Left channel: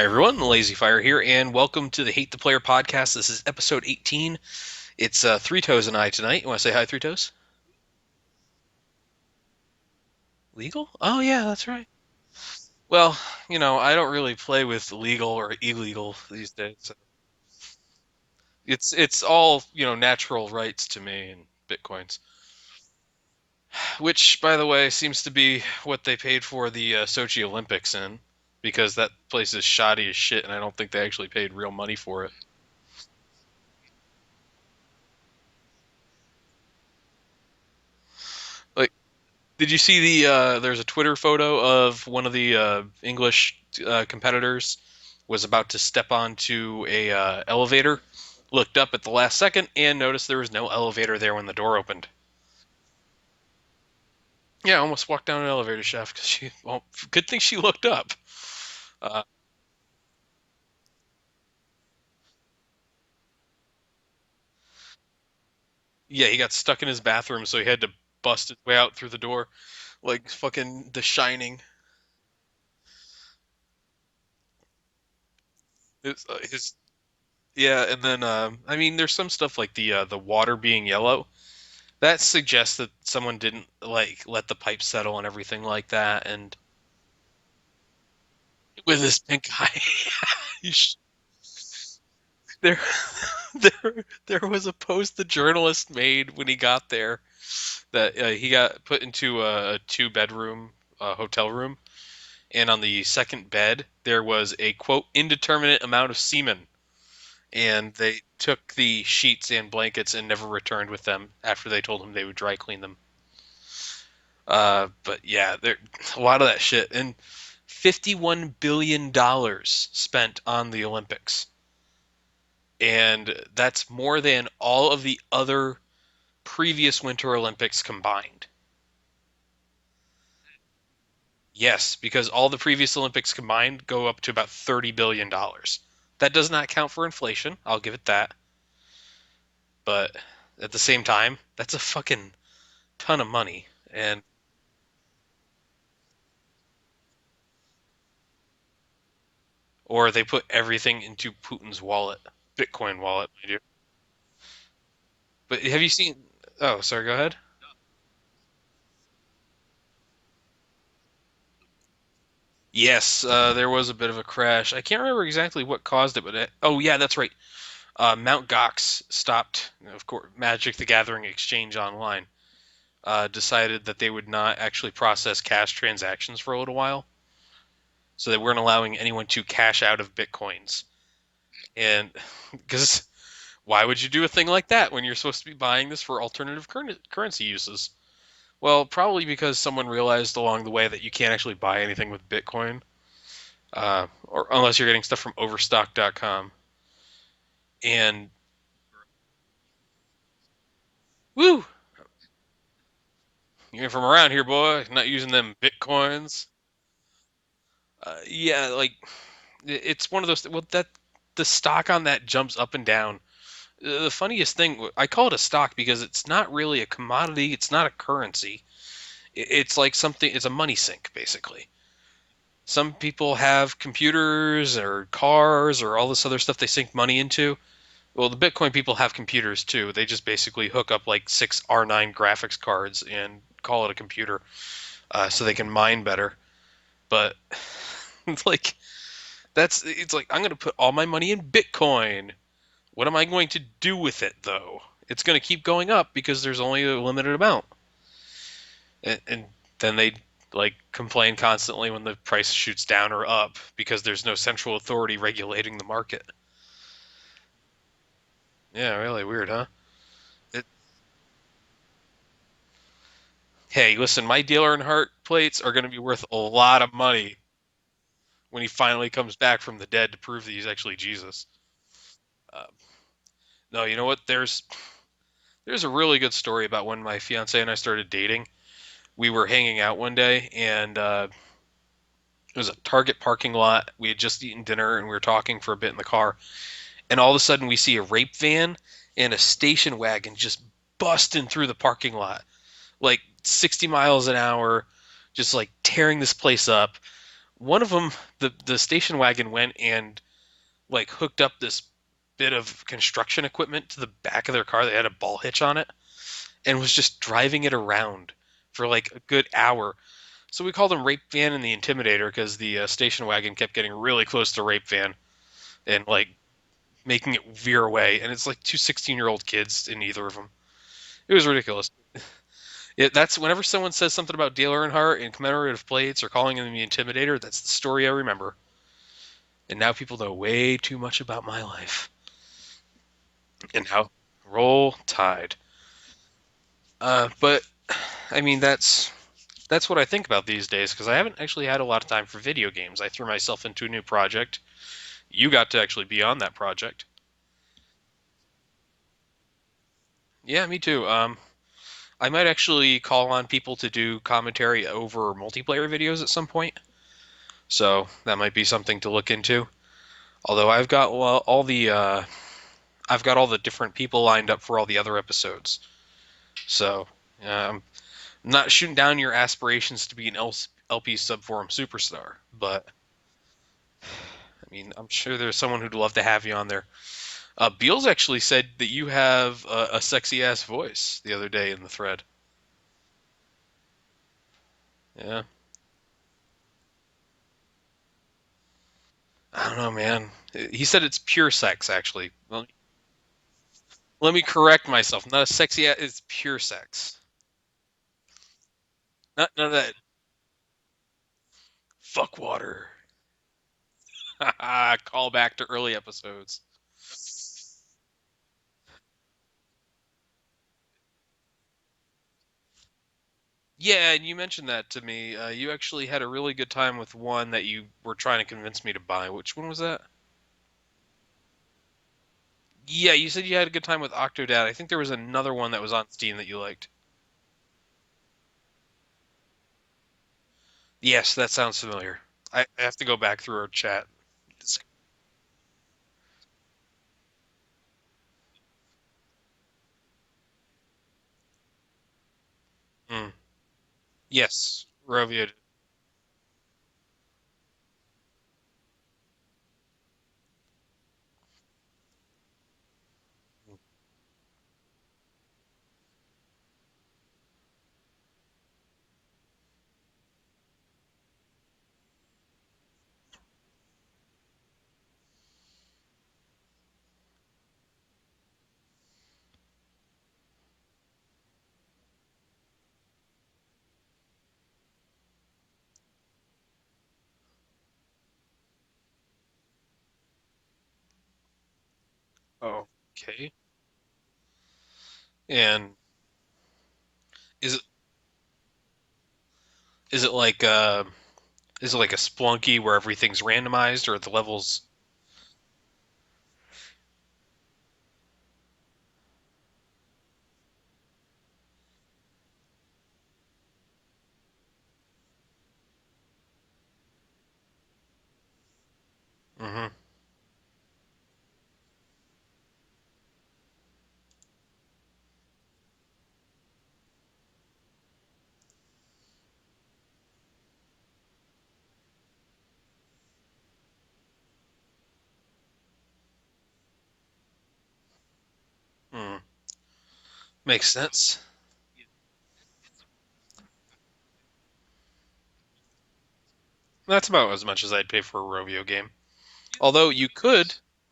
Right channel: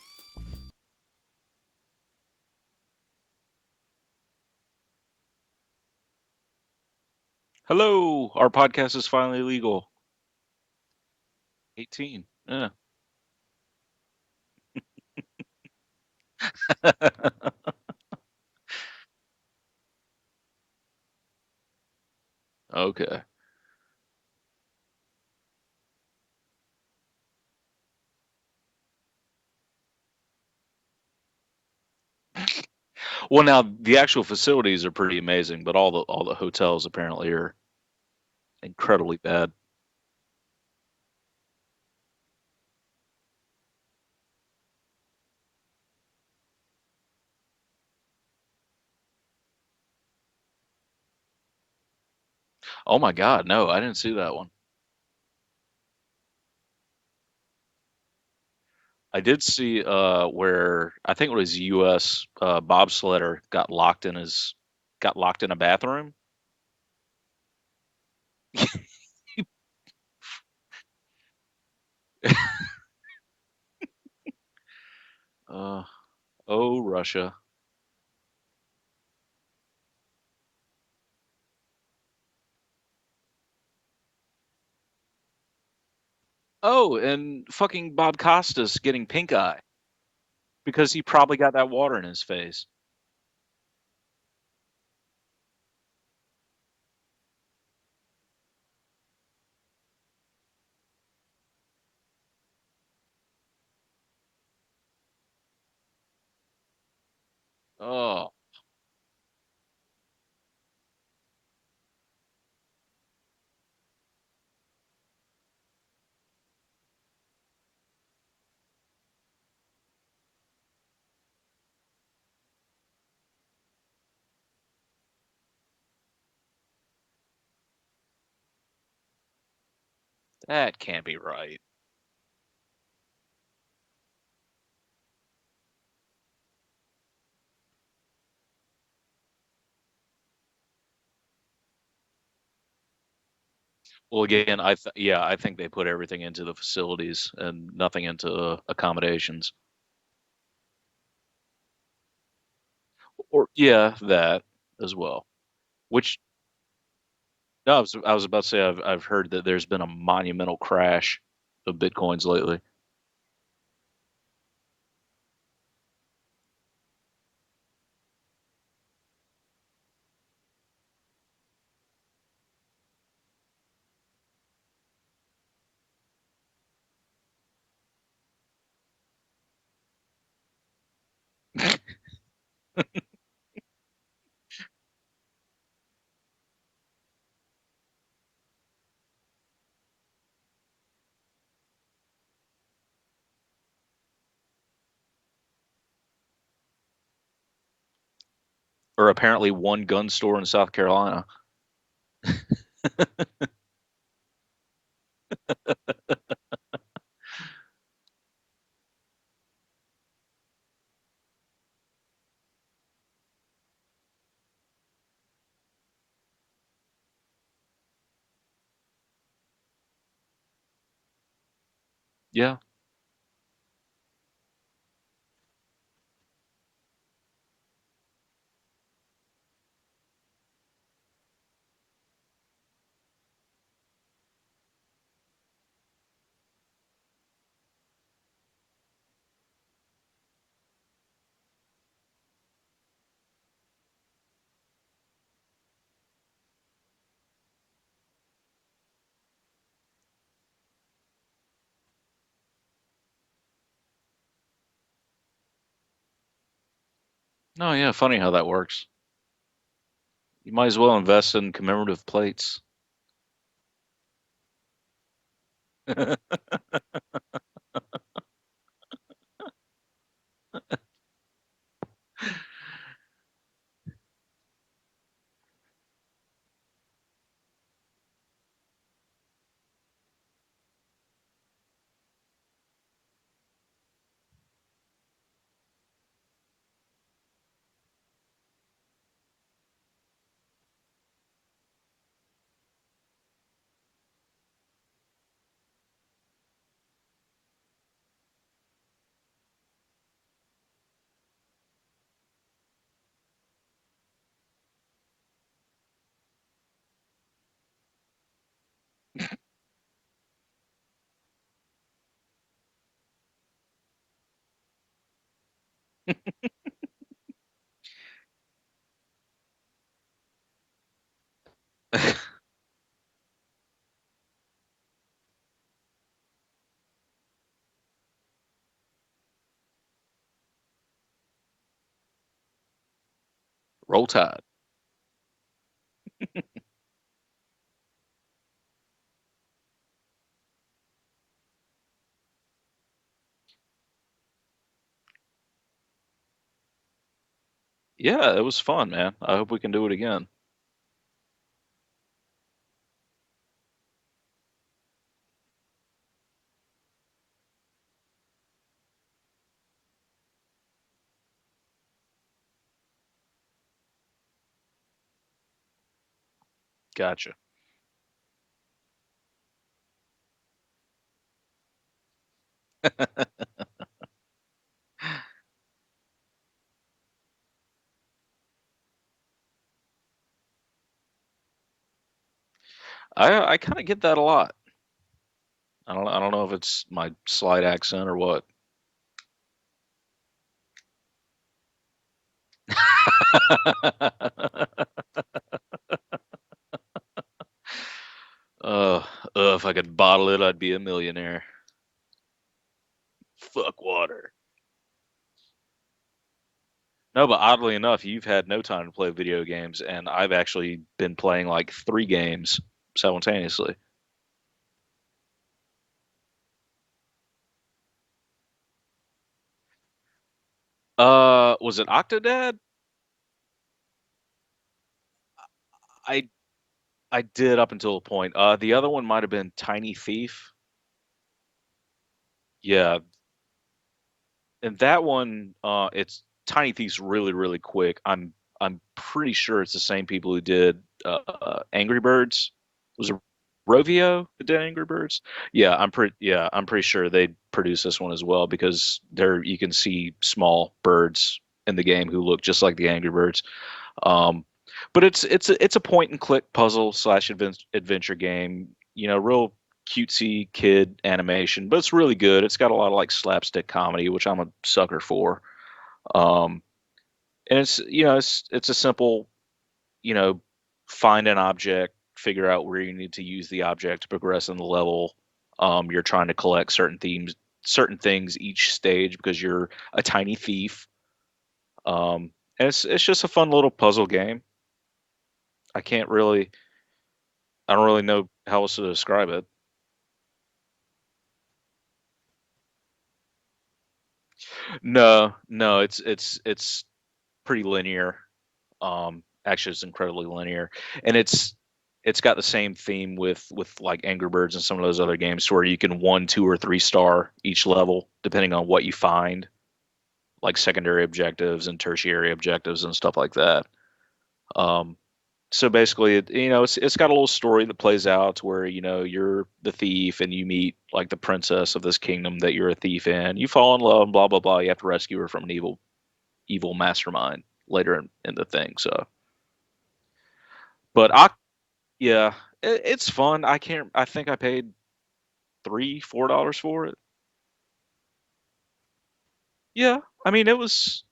Hi everyone, the Lazy Fire here, and welcome to the Hate the Player podcast. This is episode 18. It's Three Toes and I tonight. You want to say hi, Three Toes? Hello, our podcast is finally legal. Legal? Oh yeah, that's right. 18. Yeah. Well, I don't really play with legal or illegal these days. It's all, natural rights to me and bitcoins. Okay. Which, by the way, seems to be what they paid for the Sochi Olympics in, because that place is shoddy as shit, and I don't think they actually paid real money for it. Well, now the actual facilities are pretty amazing, but all the hotels apparently are Like, incredibly bad. did you see there's a Twitter photo of one of the English competitors was about to step onto a elevator, looked up at the last second, and noticed there was no elevator there when the door opened. Oh my God, no, I didn't see that one. Yeah, almost walked down an elevator shaft because well, good thing she looked up. I Uh, did see where I think it was U.S. Bobsledder got locked in a bathroom. yeah, he got stuck in his bathroom, so he had to bust his way out through the door, like fucking The Shining. Uh, His, oh, Russia. yeah, and then I mean, there's some stuff like the water being yellow. That suggests that someone didn't like let the pipe settle and everything like that, and Oh, and fucking Bob Costas with getting this pink big eye guy, because he probably got that water in his face. there, there was a post the journalist made when he got there that he got put into a two-bedroom hotel room, and on the second bed there was a quote indeterminate amount of semen, and they Oh. took the sheets and blankets and never returned with them after they told him they would dry clean them. But yeah, there a lot of that shit, and $51 billion spent on the Olympics, and that's more than all of the other previous Winter Olympics combined. That can't be right. Yes, because all the previous Olympics combined go up to about $30 billion. That does not count for inflation. I'll give it that. But at the same time, that's a fucking ton of money. Well, And again, I think they put everything into the facilities and nothing into accommodations. or they put everything into Putin's wallet, Bitcoin wallet. Or yeah, that as well. But have you Which seen? Oh, sorry. Go ahead. no, I was about to say I've heard that there's been a monumental crash of bitcoins lately. Yes, there was a bit of a crash. I can't remember exactly what caused it, but oh yeah, that's right. Mount Gox stopped, of course, Magic the Gathering exchange online. Decided that they would not actually process cash transactions for a little while, so they weren't allowing anyone to cash out of bitcoins. And because why would you do a thing like that when you're supposed to be buying this for alternative currency uses? Well, probably because someone realized along the way that you can't actually buy anything with Bitcoin, or unless you're getting stuff from Overstock.com. And Or apparently one gun store in South Carolina. woo, you're from around here, boy, not using them Bitcoins. Yeah, like it's one of those. Well, that the stock on that jumps up and down. The funniest thing, I call it a stock because it's not really a commodity. It's not a currency. It's like something. It's a money sink, basically. Yeah. Some people have computers or cars or all this other stuff they sink money into. Well, the Bitcoin people have computers too. They just basically hook up like six R9 graphics cards and call it a computer, so they can mine better. But it's like it's like I'm gonna put all my money in Bitcoin. What am I going to do with it though? It's gonna keep going up because there's only a limited amount, and then they like complain constantly when the price shoots down or up because there's no central authority regulating the market. No, yeah, funny how that works. Yeah, really weird, huh? You might as well invest in commemorative plates. Hey, listen, my Dealer in Heart plates are going to be worth a lot of money when he finally comes back from the dead to prove that he's actually Jesus. Uh, no, you know what? There's a really good story about when my fiance and I started dating. We were hanging out one day, and it was a Target parking lot. We had just eaten dinner, and we were talking for a bit in the car. And all of a sudden, we see a rape van and a station wagon just busting through the parking lot, like 60 miles an hour, just like tearing this place up. one of them, the station wagon went and like hooked up this bit of construction equipment to the back of their car. They had a ball hitch on it and was just driving it around for like a good hour. So we called them Rape Van and the Intimidator because the station wagon kept getting really close to Rape Van and like making it veer away. And it's like two 16-year-old kids in either of them. It was ridiculous. That's whenever someone says something about Dale Earnhardt and commemorative plates or calling him the Intimidator, that's the story I remember. And now people know way too much about my life and Roll how Tide. roll tide. But I mean that's what I think about these days because I haven't actually had a lot of time for video games. I threw myself into a new project. You got to actually be on that project. Yeah, it was fun, man. I hope we can do it again. Yeah, me too. I might actually call on people to do commentary over multiplayer videos at some point. So that might be something to look into. Although I've got all the different people lined up for all the other episodes. So Gotcha. I'm not shooting down your aspirations to be an LP subforum superstar, but I mean I'm sure there's someone who'd love to have you on there. Beals actually said that you have a sexy ass voice the other day in the thread. I kind of get that a lot. Yeah, I don't know if it's my slight accent or what. I don't know, man. He said it's pure sex, actually. Well, let me correct myself. Not a sexy ass, it's pure sex. uh, None if of I that could bottle it, I'd be a millionaire. fuck water. Fuck water. Call back to early episodes. No, but oddly enough, you've had no time to play video games, and I've actually been playing like 3 games simultaneously. Yeah, and you mentioned that to me. You actually had a really good time with one that you were trying to convince me to buy. Which one was that? Was it Octodad? Yeah, you said you had a good time with Octodad. I think there was another one that was on I Steam that you liked. I did up until a point. The other one might have been Tiny Thief. Yes, that sounds familiar. I have Yeah, to go back through our chat. and that one, it's Tiny Thief's really quick. I'm pretty sure it's the same people who did Angry Birds. Was it Mm, Rovio who did yes, Angry Birds? Rovio. I'm pretty sure they produced this one as well because there you can see small birds in the game who look just like the Angry Birds. Um, but it's a point and click puzzle slash adventure game. Real cutesy kid animation, but it's really good. It's got a lot of like slapstick comedy, which I'm a sucker for. Um, and it's a simple, you know, find an object, figure out where you need to use the object to progress in the level. You're trying to collect certain things each stage because you're a tiny thief. And Oh, it's just a okay. fun little puzzle game. I And can't really, I is it don't really know how else to describe it. is it like uh is it like a Splunky where everything's randomized or the levels? No, it's pretty linear. Actually, it's incredibly linear, and it's got the same theme with like Angry Birds and some of those other games, where you can 1, 2, or 3 star each level depending on what you find, Hmm. like secondary objectives and tertiary objectives and stuff like that. Um, so basically, it's got a little story that plays out to where you're the thief and you meet like the princess of this kingdom that you're a thief in. You fall in love, and blah blah blah. You have to rescue her from an evil mastermind later in the thing. So, Hmm. Makes but sense. yeah, it's fun. I think I paid $3, $4 for it. That's about as much as I'd pay for a Rovio game. Yeah, Although you I mean it could, was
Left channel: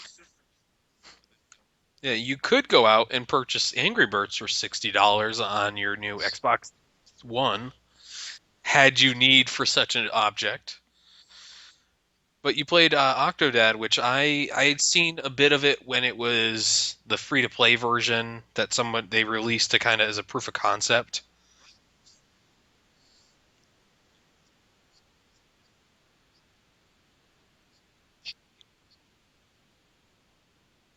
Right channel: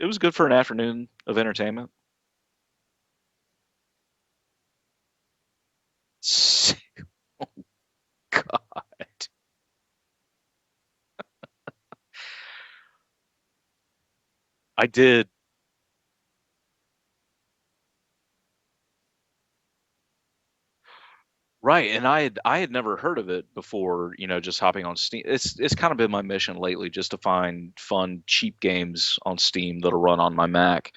it was good for an afternoon of entertainment. yeah, you could go out and purchase Angry Birds for $60 on your new Xbox One, had you need for such an object. But you played Octodad, which I had I seen did. a bit of it when it was the free to play version that someone they released to kind of as a proof of concept. Right, and I had never heard of it before, just hopping on Steam. It's kind of been my mission lately just to find fun, cheap games on Steam that'll run on my Mac.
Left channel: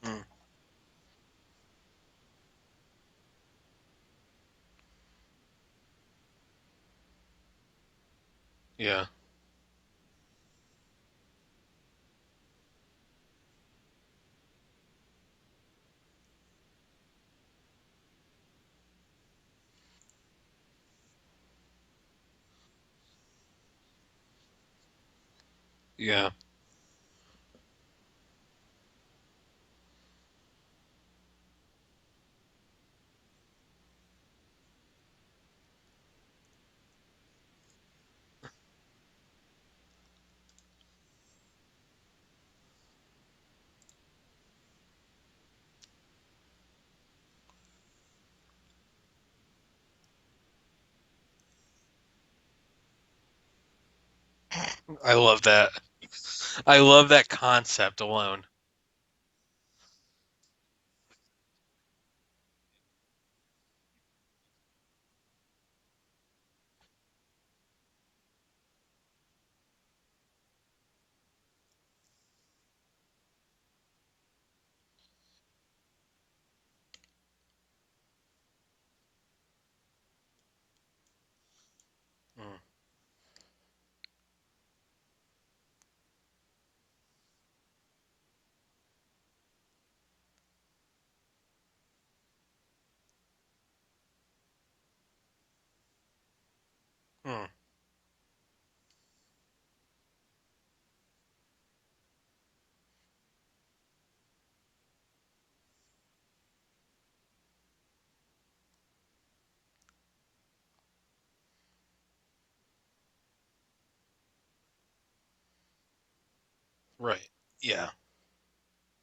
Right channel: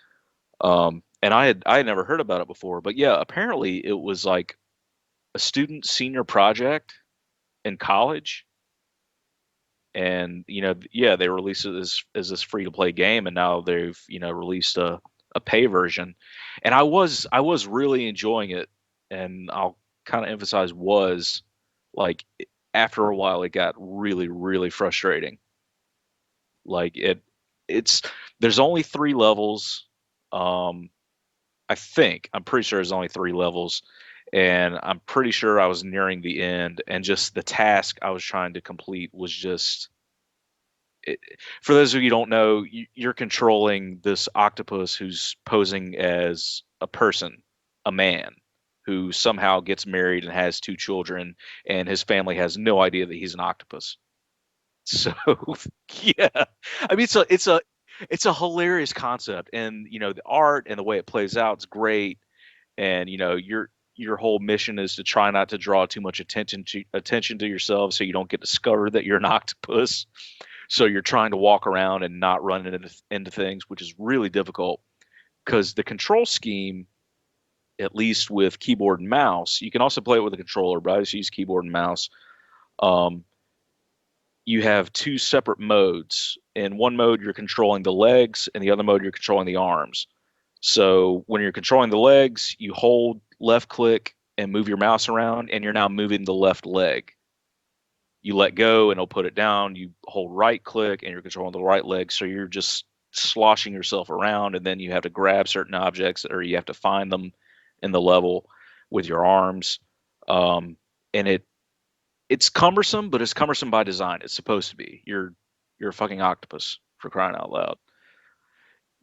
Mm, And I had never heard about it before, but yeah, apparently it was like a student senior project in college, yeah. and yeah, they released it as this free to play game, and now they've released a pay version, and I was really enjoying it, and I'll kind of emphasize was like. after a while it got really, really frustrating. Yeah. Like it's there's only 3 levels. Um, I'm pretty sure there's only 3 levels, and I'm pretty sure I was nearing the end, and just the task I was trying to complete was just. It, for those of you who don't know, you're controlling this octopus who's posing as a person, a man, who somehow gets married and has 2 children, and his family has no idea that he's an octopus. So I love that. yeah, I I mean love that concept it's a alone. hilarious concept, and the art and the way it plays out is great, and your whole mission is to try not to draw too much attention to yourself so you don't get discovered that you're an octopus. So you're trying to walk around and not run into things, which is really difficult because the control scheme, at least with keyboard and mouse, you can also play it with a controller, but I just use keyboard and mouse. Mm. Um, you have 2 separate modes. In one mode, you're controlling the legs, and the other mode, you're controlling the arms. So when you're controlling the legs, you hold left click and move your mouse around, and you're now moving the left leg. Mm. You let go and it'll put it down. You hold right click and you're controlling the right leg. So you're just sloshing yourself around, and then you have to grab certain objects or you have to find them in the level with your arms. Um, and it's cumbersome, but it's cumbersome by design. It's supposed to be. You're a fucking octopus for Right. crying out loud. Yeah.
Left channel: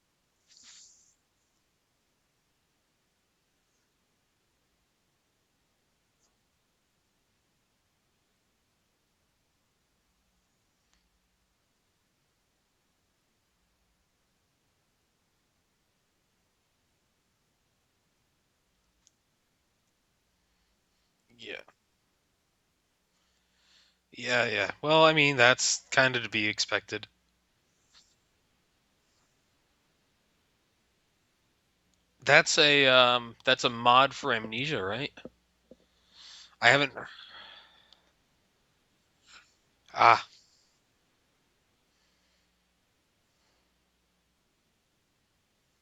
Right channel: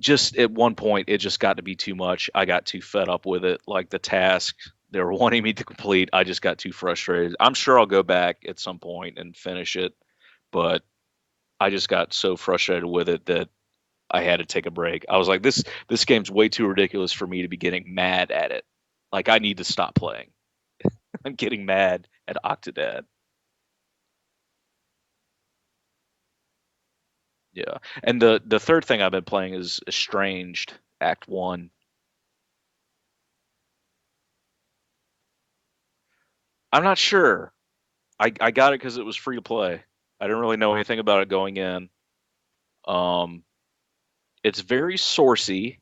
Just at one point, it just got to be too much. I got too fed up with it. Like the task they were wanting me to complete, I just got too frustrated. I'm sure I'll go back at some point and finish it, but I just got so frustrated with it that I had to take a break. I was like, this game's way too ridiculous for me to be getting mad at it. Like I need to stop playing. I'm Yeah. getting mad at Octodad. Yeah. Yeah. Well, I mean, that's kind of to be expected. Yeah. And the third thing I've been playing is Estranged Act 1. That's a mod for Amnesia, right? I I'm haven't. not sure. I got it because it was free to play. Ah. I didn't really know anything about it going in. Um, it's very sourcey,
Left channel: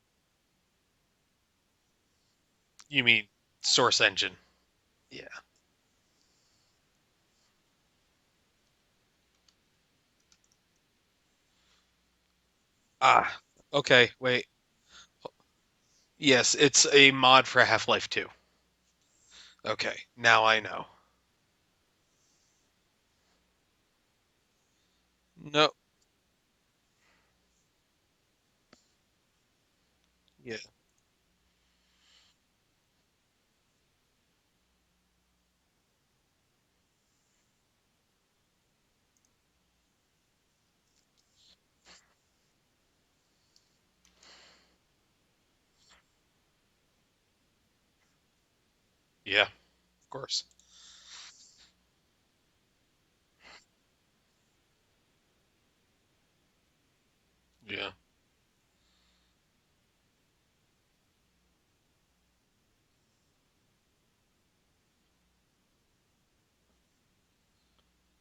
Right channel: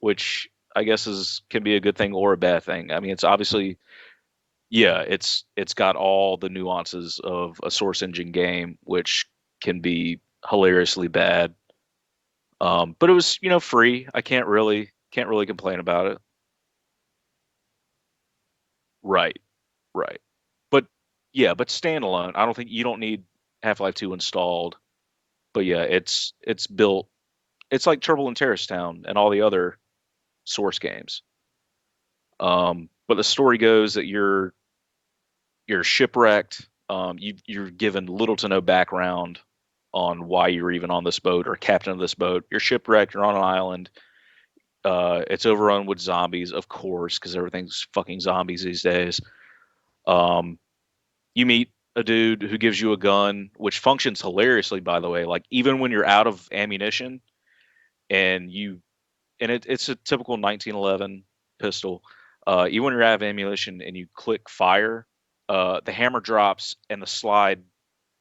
which I guess is can be a good thing or a bad thing. I You mean, it's mean obviously Source Engine? yeah, Yeah. it's got all the nuances of a source engine game, which can be hilariously bad. But it Ah. was free. Okay. I Wait. can't really complain about it. Yes, it's a mod for Half-Life 2. Right, Okay. right. Now I But know. yeah, but standalone. I don't think you don't need Half-Life 2 installed. But No. yeah, it's built. It's like Turbulent Terrace Town and all the other Yeah. Source games. But the story goes that you're shipwrecked. You're given little to no background on why you're even on this boat or captain of this boat. You're shipwrecked. You're on an island. It's overrun with zombies, of course, because everything's fucking zombies these days. Yeah. Of course. Um, you meet a dude who gives you a gun, which functions hilariously, by the way. Like even when you're out of ammunition Yeah. and it's a typical 1911 pistol. Even when you're out of ammunition and you click fire, the hammer drops and the slide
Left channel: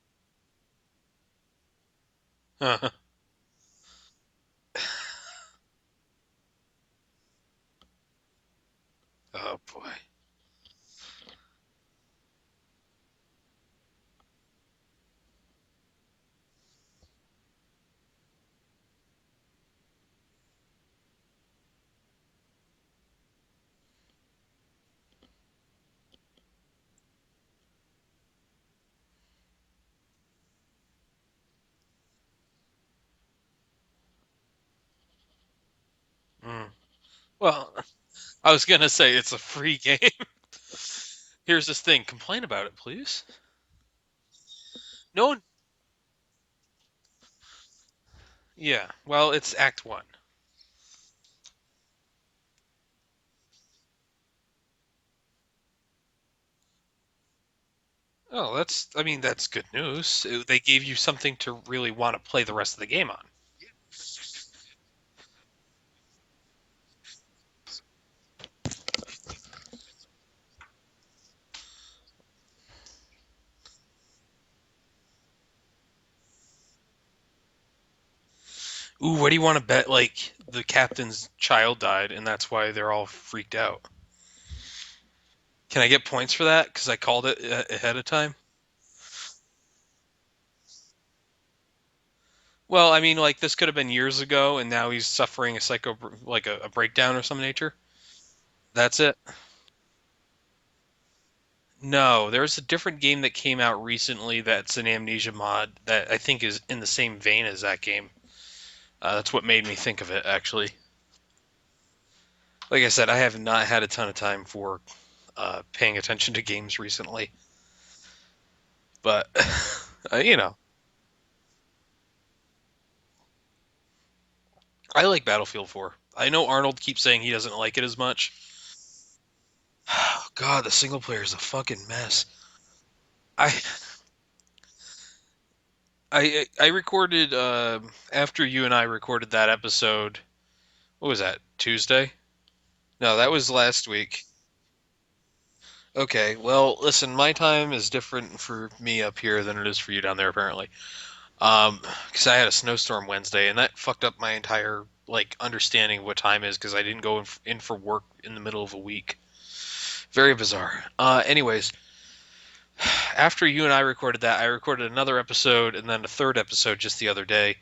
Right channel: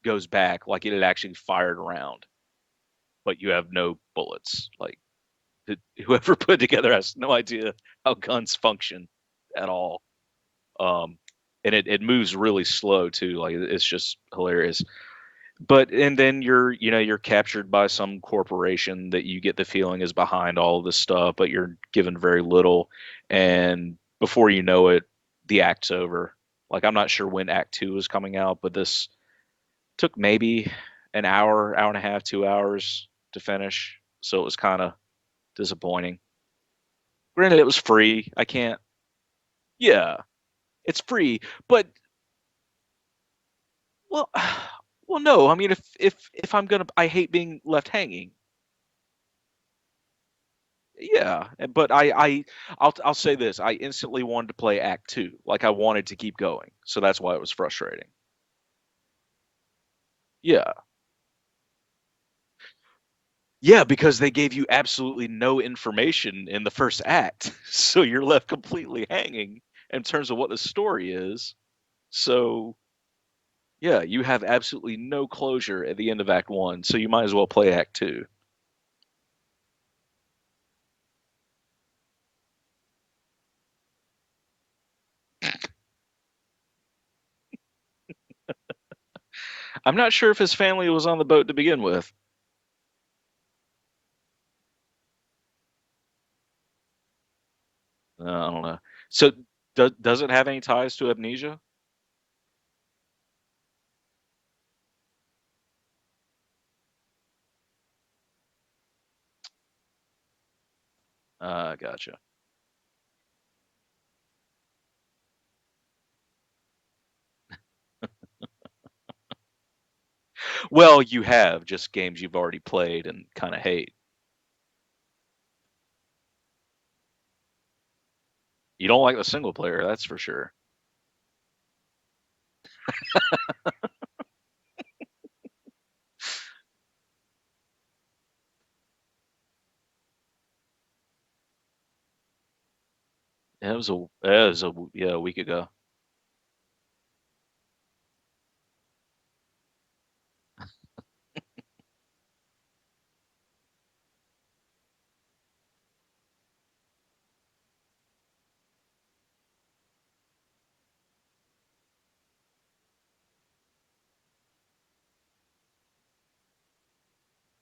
goes back like it had actually fired around, but you have no bullets. Like whoever put it together has no idea how guns function Oh at boy. all. Um, and it moves really slow too. Like it's just hilarious. But and then you're captured by some corporation that you get the feeling is behind all of this stuff, but you're given very little, and before you know it, the act's over. Like I'm not sure when Act 2 is coming out, but this took maybe an hour and a half, 2 hours to finish, so it was kind of disappointing. Mm. Granted, Well, it was free. I I was can't. gonna say it's a free game. Yeah, it's free, Here's this but thing. Complain about it, please. well, well, No. no. I mean, if I'm gonna, I hate being left hanging. Yeah. Well, it's Act One. Yeah, but I'll say this: I instantly wanted to play Act 2, like I wanted to keep going. So that's why it was frustrating. Oh, that's. I mean, that's good news. They Yeah, gave you something to really want to play the rest of the game on. yeah, because they gave you absolutely no information in the first act, so you're left completely hanging in terms of what the story is. So yeah, you have absolutely no closure at the end of Act 1, so you might as well play Act 2. Ooh, what do you want to bet? Like the captain's child died, and that's why they're all freaked out. Can I get points for that? Because I called it ahead of time. I'm not sure if his family was on the boat to begin with. Well, I mean, like this could have been years ago, and now he's suffering a like a breakdown or some nature. I don't know. That's it. So, does it have any ties to Amnesia? No, there's a different game that came out recently that's an Amnesia mod that I think is in the same vein as that game. That's what made me think of it, actually. Gotcha. Like I said, I have not had a ton of time for paying attention to games recently, but you know, Well, you have just games you've already played and kind of hate. I like Battlefield 4. I know Arnold keeps saying he doesn't like it as much. You don't like the single player, that's for Oh, sure. God, the single player is a fucking mess. I I recorded after you and I recorded that episode. What was that? Tuesday? No, that was last week. yeah, a week ago. Okay, well, listen, my time is different for me up here than it is for you down there apparently. Because I had a snowstorm Wednesday, and that fucked up my entire like understanding of what time is because I didn't go in for work in the middle of a week. Very bizarre. Anyways, after you and I recorded that, I recorded another episode and then a third episode just the other day,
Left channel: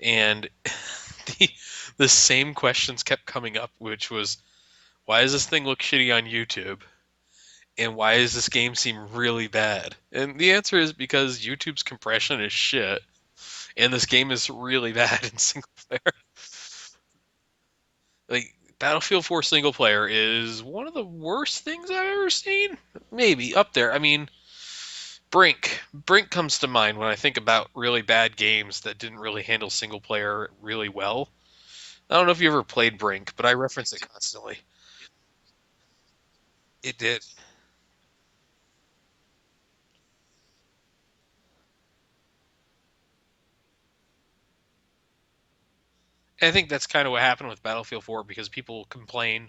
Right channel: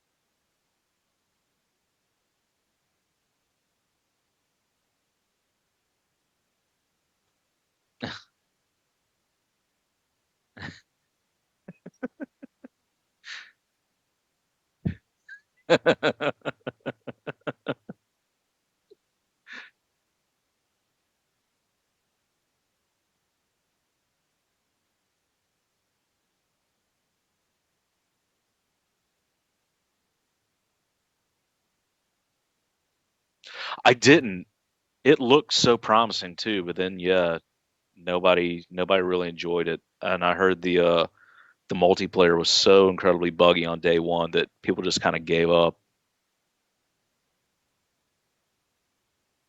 and the the same questions kept coming up, which was, why does this thing look shitty on YouTube? And why does this game seem really bad? And the answer is because YouTube's compression is shit, and this game is really bad in single player. Like Battlefield 4 single player is one of the worst things I've ever seen. Maybe up there. I mean, Brink comes to mind when I think about really bad games that didn't really handle single player really well. I don't know if you ever played Brink, but I reference I it didn't. constantly. It looked so promising too, but It then did. yeah, nobody really enjoyed it. And I heard the multiplayer was so incredibly buggy on day one that people just kind of gave up. I think that's kind of what happened with Battlefield 4 because people complain.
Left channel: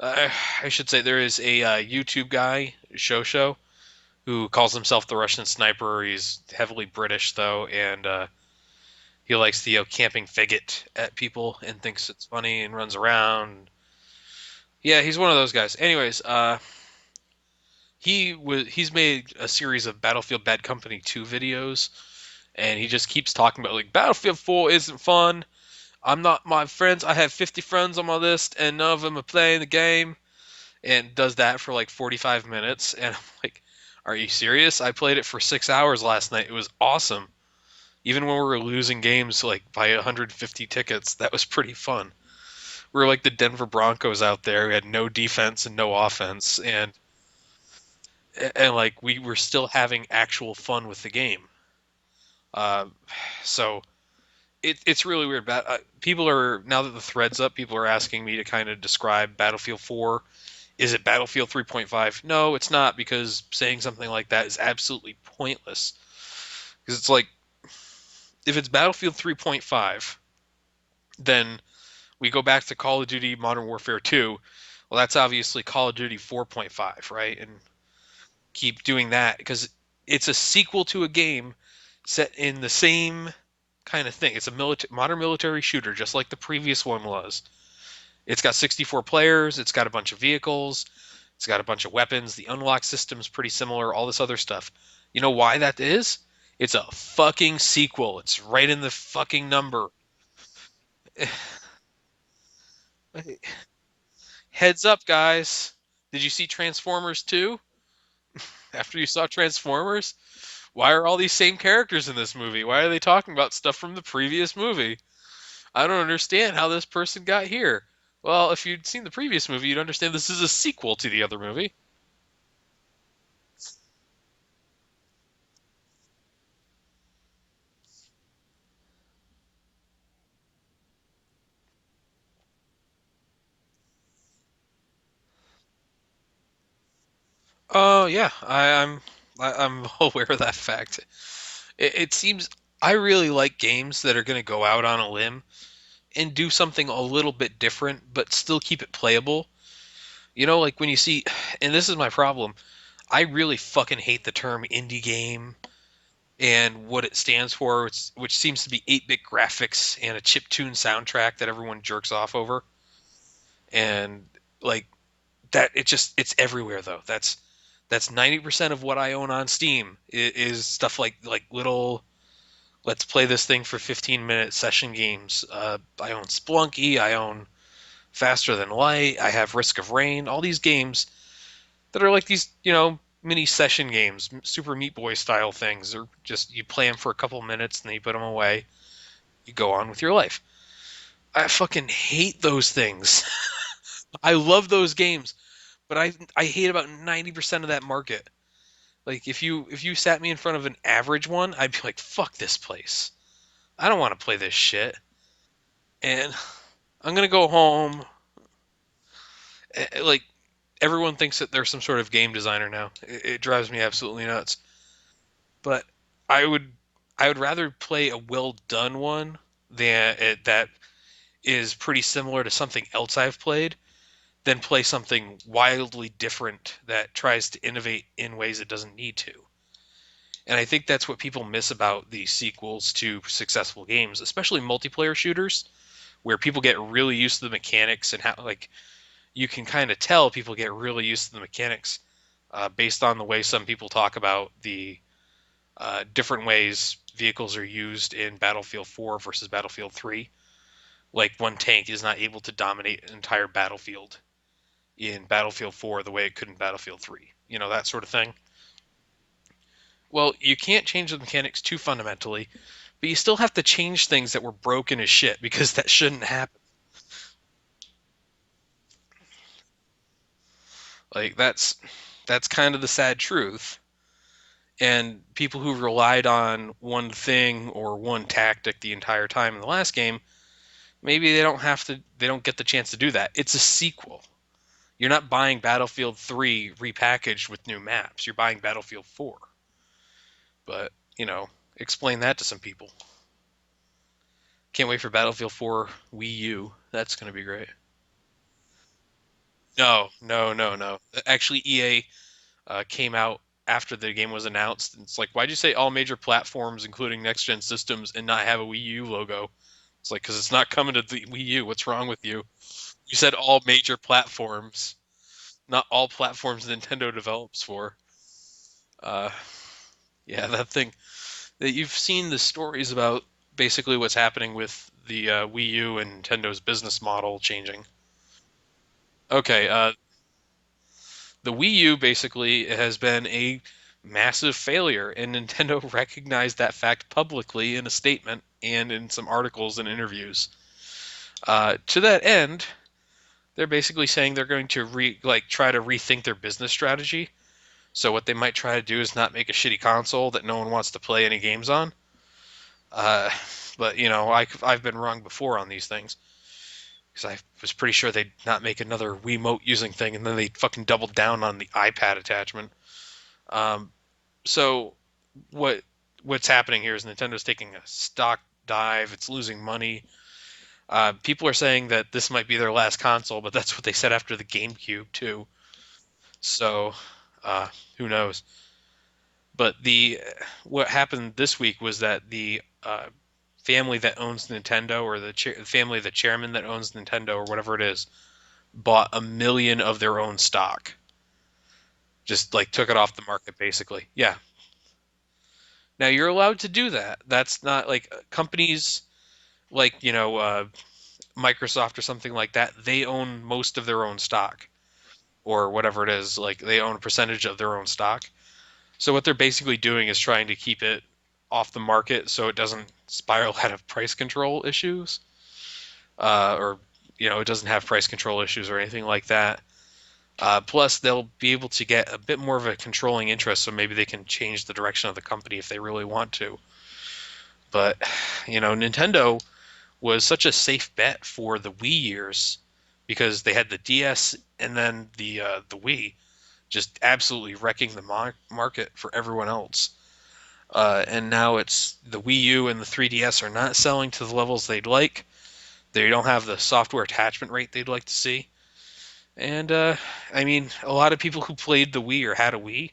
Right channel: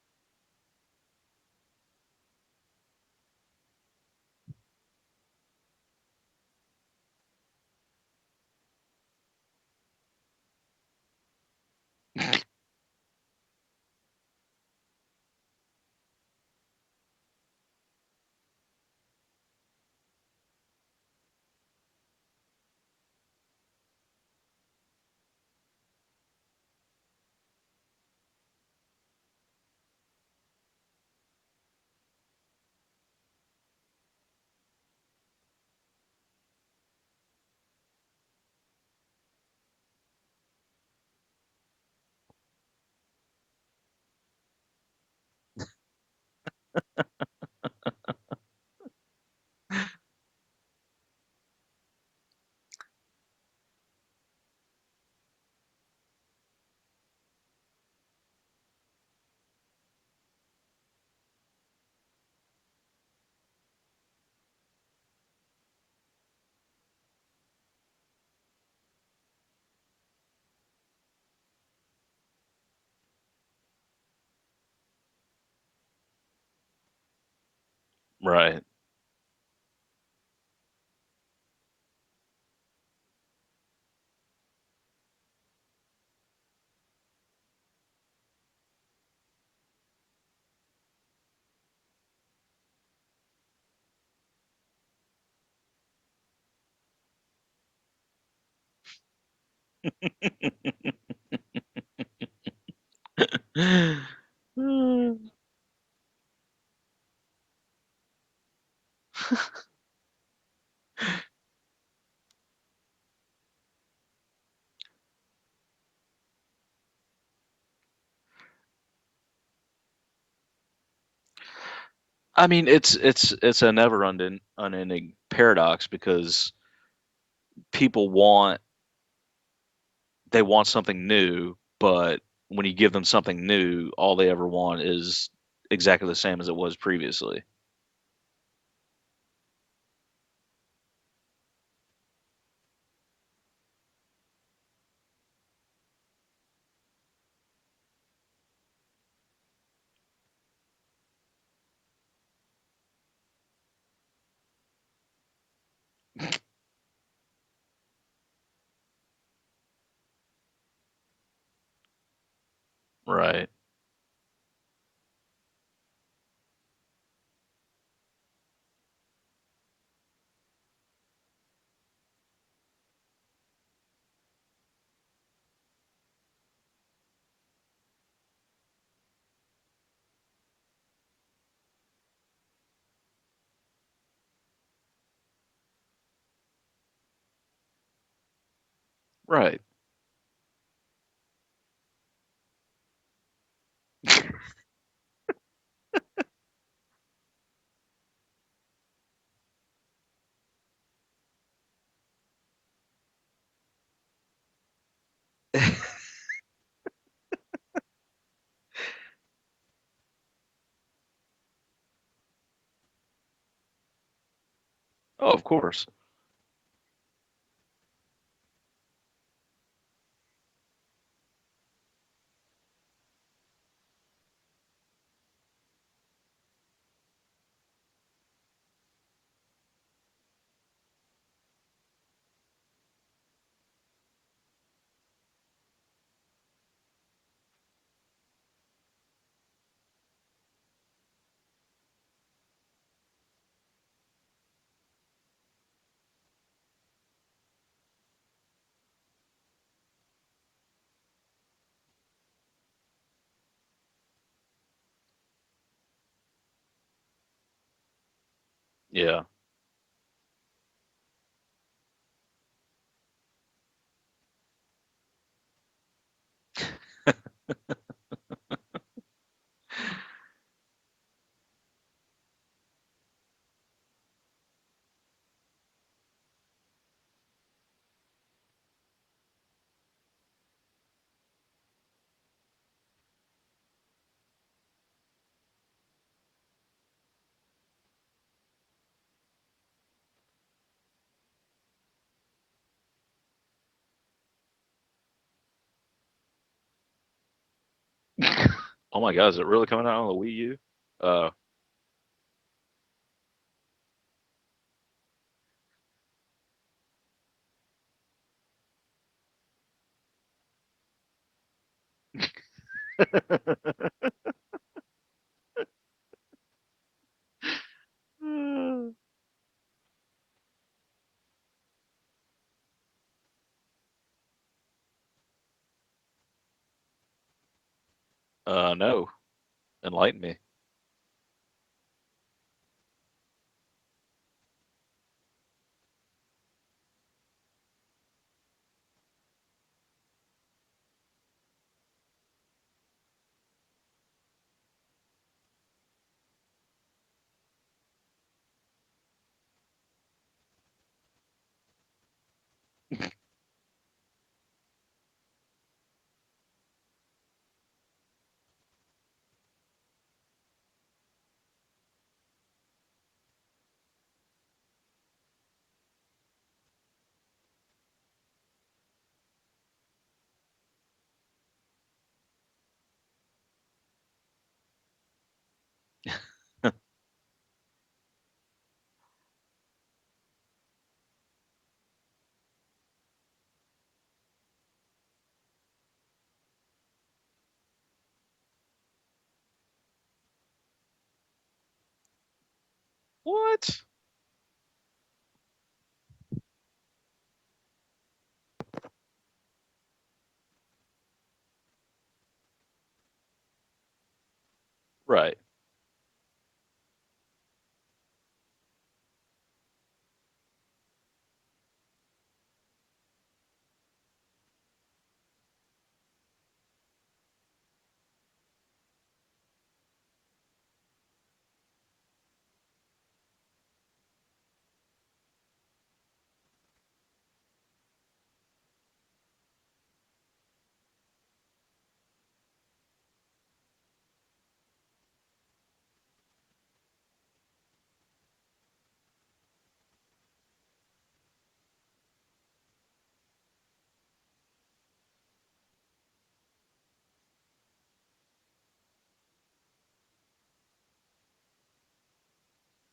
Uh, I should say there is a YouTube guy, Show, who calls himself the Russian sniper. He's heavily British though, and he likes to camping faggot at people and thinks it's funny and runs around. Yeah, he's one of those guys. Anyways, he's made a series of Battlefield Bad Company 2 videos, and he just keeps talking about like Battlefield 4 isn't fun. I'm not my friends. I have 50 friends on my list, and none of them are playing the game. And does that for like 45 minutes, and I'm like, are you serious? I played it for 6 hours last night. It was awesome. Even when we were losing games like by 150 tickets, that was pretty fun. We were like the Denver Broncos out there. We had no defense and no offense, and like we were still having actual fun with the game. Uh, so it's really weird. People are now that the thread's up, people are asking me to kind of describe Battlefield 4. Is it Battlefield 3.5? No, it's not, because saying something like that is absolutely pointless. Because it's like, if it's Battlefield 3.5, then we go back to Call of Duty Modern Warfare 2. Well, that's obviously Call of Duty 4.5, right? And Right. keep doing that because it's a sequel to a game set in the same kind of thing. It's a modern military shooter, just like the previous one was. It's got 64 players. It's got a bunch of vehicles. It's got a bunch of weapons. The unlock system's pretty similar. All this other stuff. You know why that is? It's a fucking sequel. It's right in the fucking number. Heads up, guys. Did you see Transformers 2? After you saw Transformers? Why are all these same characters in this movie? Why are they talking about stuff from the previous movie? I don't understand how this person got here. Well, if you'd seen the previous movie, you'd understand this is a sequel to the other movie. I mean, it's a never unending paradox because people want something new, but when you give them something new, all they ever want is exactly the same as it was previously. Oh yeah, I'm aware of that fact. It seems I really like games that are going to go out on a limb and do something a little bit different, but still keep it playable. You know, like when you see, and this is my problem. I really fucking hate the term indie game and what it stands for, which seems to be 8-bit graphics and a chiptune soundtrack that everyone jerks off over. Right. And like that, it's everywhere though. That's 90% of what I own on Steam is stuff like little let's play this thing for 15-minute session games. I own Splunky, I own Faster Than Light, I have Risk of Rain, all these games that are like these, mini session games, Super Meat Boy style things, or just you play them for a couple minutes and then you put them away, you Right. go on with your life. I fucking hate those things. I love those games, but I hate about 90% of that market. Like if you sat me in front of an average one, I'd be like, "Fuck this place. I don't want to play this shit." And I'm gonna go home. Like everyone thinks that they're some sort of game designer now. It drives me absolutely nuts. Oh, of But course. I would I would rather play a well done one that is pretty similar to something else I've played than play something wildly different that tries to innovate in ways it doesn't need to. And I think that's what people miss about the sequels to successful games, especially multiplayer shooters, where people get really used to the mechanics and how like you can kind of tell people get really used to the mechanics based on the way some people talk about the different ways vehicles are used in Battlefield 4 versus Battlefield 3. Like one tank is not able to dominate an entire battlefield in Battlefield 4 the way it could in Battlefield 3. That sort of thing. Yeah. Well, you can't change the mechanics too fundamentally, but you still have to change things that were broken as shit because that shouldn't happen. Like that's kind of the sad truth. And people who relied on one thing or one tactic the entire time in the last game, maybe they don't get the chance to do that. It's a sequel. You're not buying Battlefield 3 repackaged with new maps. You're buying Battlefield 4. But, explain that to some people. Can't wait for Battlefield 4 Wii U. That's going to be great. Oh my God, is it really coming out on No, the Wii no, U? no, no. Uh, Actually, EA came out after the game was announced. And it's like, why'd you say all major platforms, including next gen systems, and not have a Wii U logo? It's like, because it's not coming to the Wii U. What's wrong with you? You said all major platforms, not all platforms Nintendo develops for. Uh, yeah, that thing that you've seen the stories about basically what's happening with the Wii U and Nintendo's business model changing. no. Okay, Enlighten me. the Wii U basically has been a massive failure, and Nintendo recognized that fact publicly in a statement and in some articles and interviews. To that end, they're basically saying they're going to try to rethink their business strategy. So what they might try to do is not make a shitty console that no one wants to play any games on. Uh, but I've been wrong before on these things because I was pretty sure they'd not make another Wiimote using thing, and then they fucking doubled down on the iPad attachment. Um, so what what's happening here is Nintendo's taking a stock dive. It's losing money. People are saying that this might be their last console, but that's what they said after the GameCube too. So uh, who knows? But the what happened this week was that the family that owns Nintendo, or the family, the chairman that owns Nintendo, or whatever it is, bought 1 million of their own stock. Just like took it off the market, What? basically. Yeah. Now you're allowed to do that. That's not like companies like Microsoft or something like that. They own most of their own stock, Right. or whatever it is. Like they own a percentage of their own stock. So what they're basically doing is trying to keep it off the market so it doesn't spiral out of price control issues, or it doesn't have price control issues or anything like that. Plus, they'll be able to get a bit more of a controlling interest, so maybe they can change the direction of the company if they really want to. But Nintendo was such a safe bet for the Wii years because they had the DS and then the Wii, just absolutely wrecking the market for everyone else. And now it's the Wii U and the 3DS are not selling to the levels they'd like. They don't have the software attachment rate they'd like to see. And I mean, a lot of people who played the Wii or had a Wii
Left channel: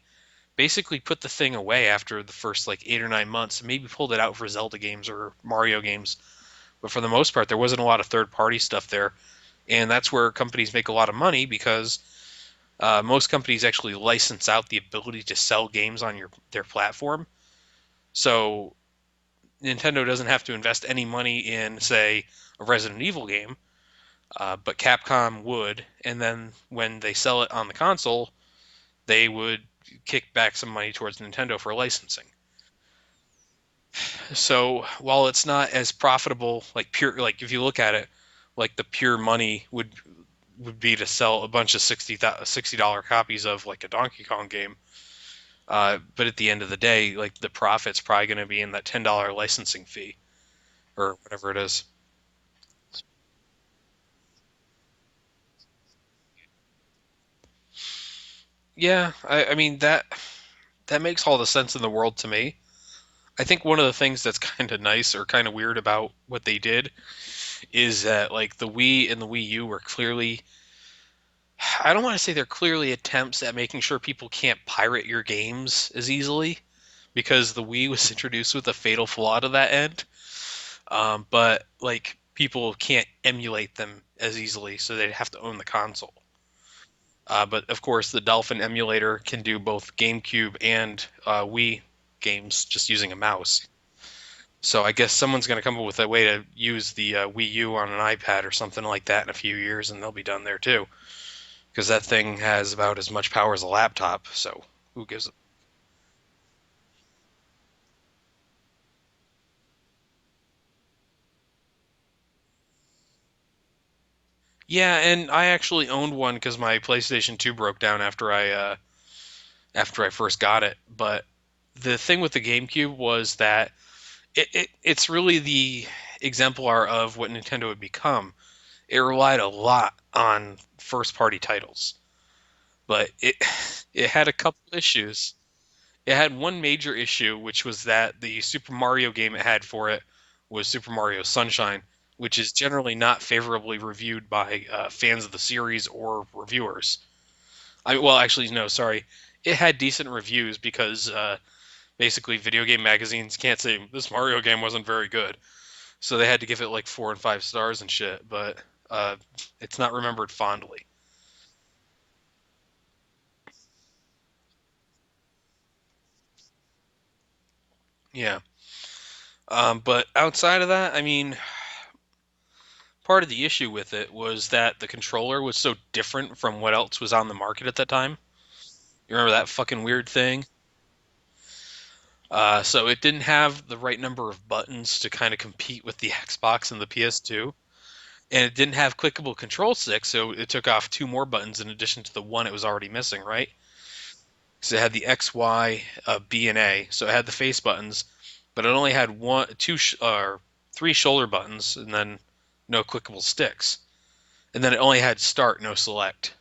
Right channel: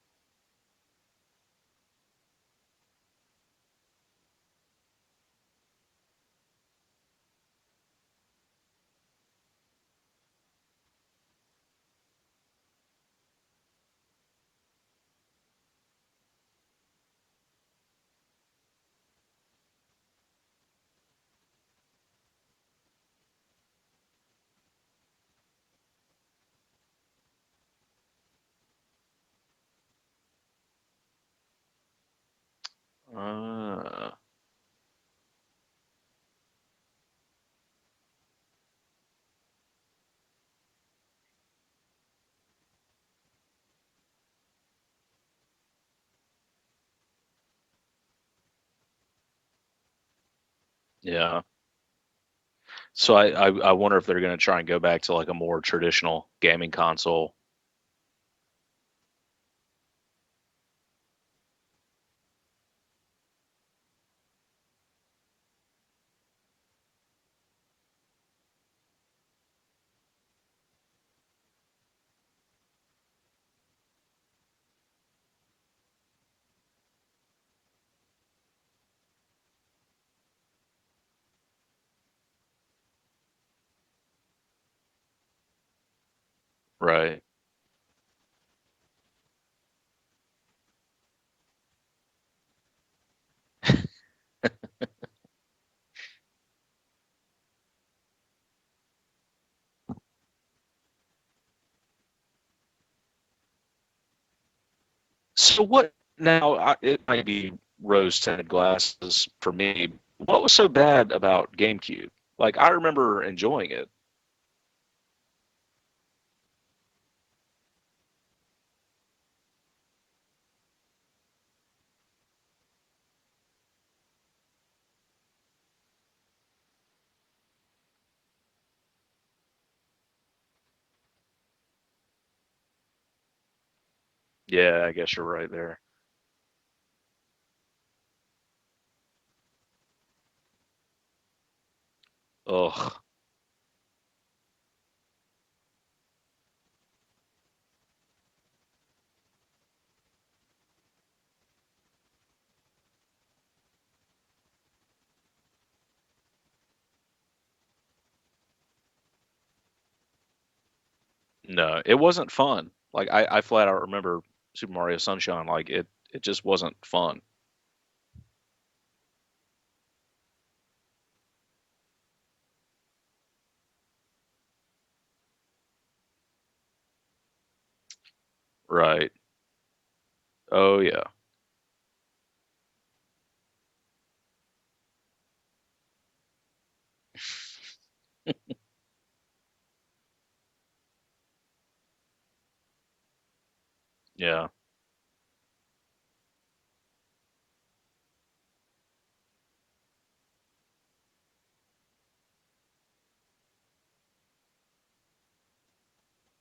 basically put the thing away after the first like 8 or 9 months, and maybe pulled it out for Zelda games or Mario games. But for the most part, there wasn't a lot of third party stuff there. And that's where companies make a lot of money because Most companies actually license out the ability to sell games on their platform. So Nintendo doesn't have to invest any money in, say, a Resident Evil game, but Capcom would, and then when they sell it on the console, they would kick back some money towards Nintendo for licensing. Uh, So while it's not as profitable, like pure, like if you look at it, like the pure money would be to sell a bunch of $60 copies of like a Donkey Kong game. But at the end of the day, like the profit's probably going to be in that $10 licensing fee or yeah. whatever it is. So I wonder if they're going to try and go back to like a more traditional gaming console. Yeah, I mean that makes all the sense in the world to me. I think one of the things that's kind of nice or kind of weird about what they did is that like the Wii and the Wii U were clearly, I don't want to say they're clearly attempts at making sure people can't pirate your games as easily because the Wii was introduced with a fatal flaw to that end. But like people can't emulate them as easily, so they'd have to own the console. Right. But of course, the Dolphin emulator can do both GameCube and Wii games just using a mouse. So I guess someone's going to come up with a way to use the Wii U on an iPad or something like that in a few years, and they'll be done there too. Because that thing has about as much power as a laptop. So who gives it? So what now? It might be rose-tinted glasses for me. What was so bad about GameCube? Like I remember enjoying it. Yeah, and I actually owned one because my PlayStation 2 broke down after I first got it. But the thing with the GameCube was that it's really the exemplar of what Nintendo would become. It relied a lot on first party titles, but it had a couple Yeah, I guess you're issues. right there. It had one major issue, which was that the Super Mario game it had for it was Super Mario Sunshine, which is generally Ugh. not favorably reviewed by fans of the series or reviewers. Well, actually, no, sorry. It had decent reviews because basically video game magazines can't say this Mario game wasn't very good, so they had to give it like 4 and 5 stars and shit. But uh, it's not remembered fondly. No, it wasn't fun. Like I flat out remember Super Mario Sunshine. Like it just wasn't fun. Yeah. But outside of that, I mean, part of the issue with it was that the controller was so different from what else was on the market at that time. Right. You remember that fucking weird thing? Oh yeah. So it didn't have the right number of buttons to kind of compete with the Xbox and the PS2, and it didn't have clickable control sticks, so it took off two more buttons in addition to the one it was already missing, right? Yeah. So it had the X, Y, B, and A. So it had the face buttons, but it only had three shoulder buttons, and then no clickable sticks. And then it only had start, no select.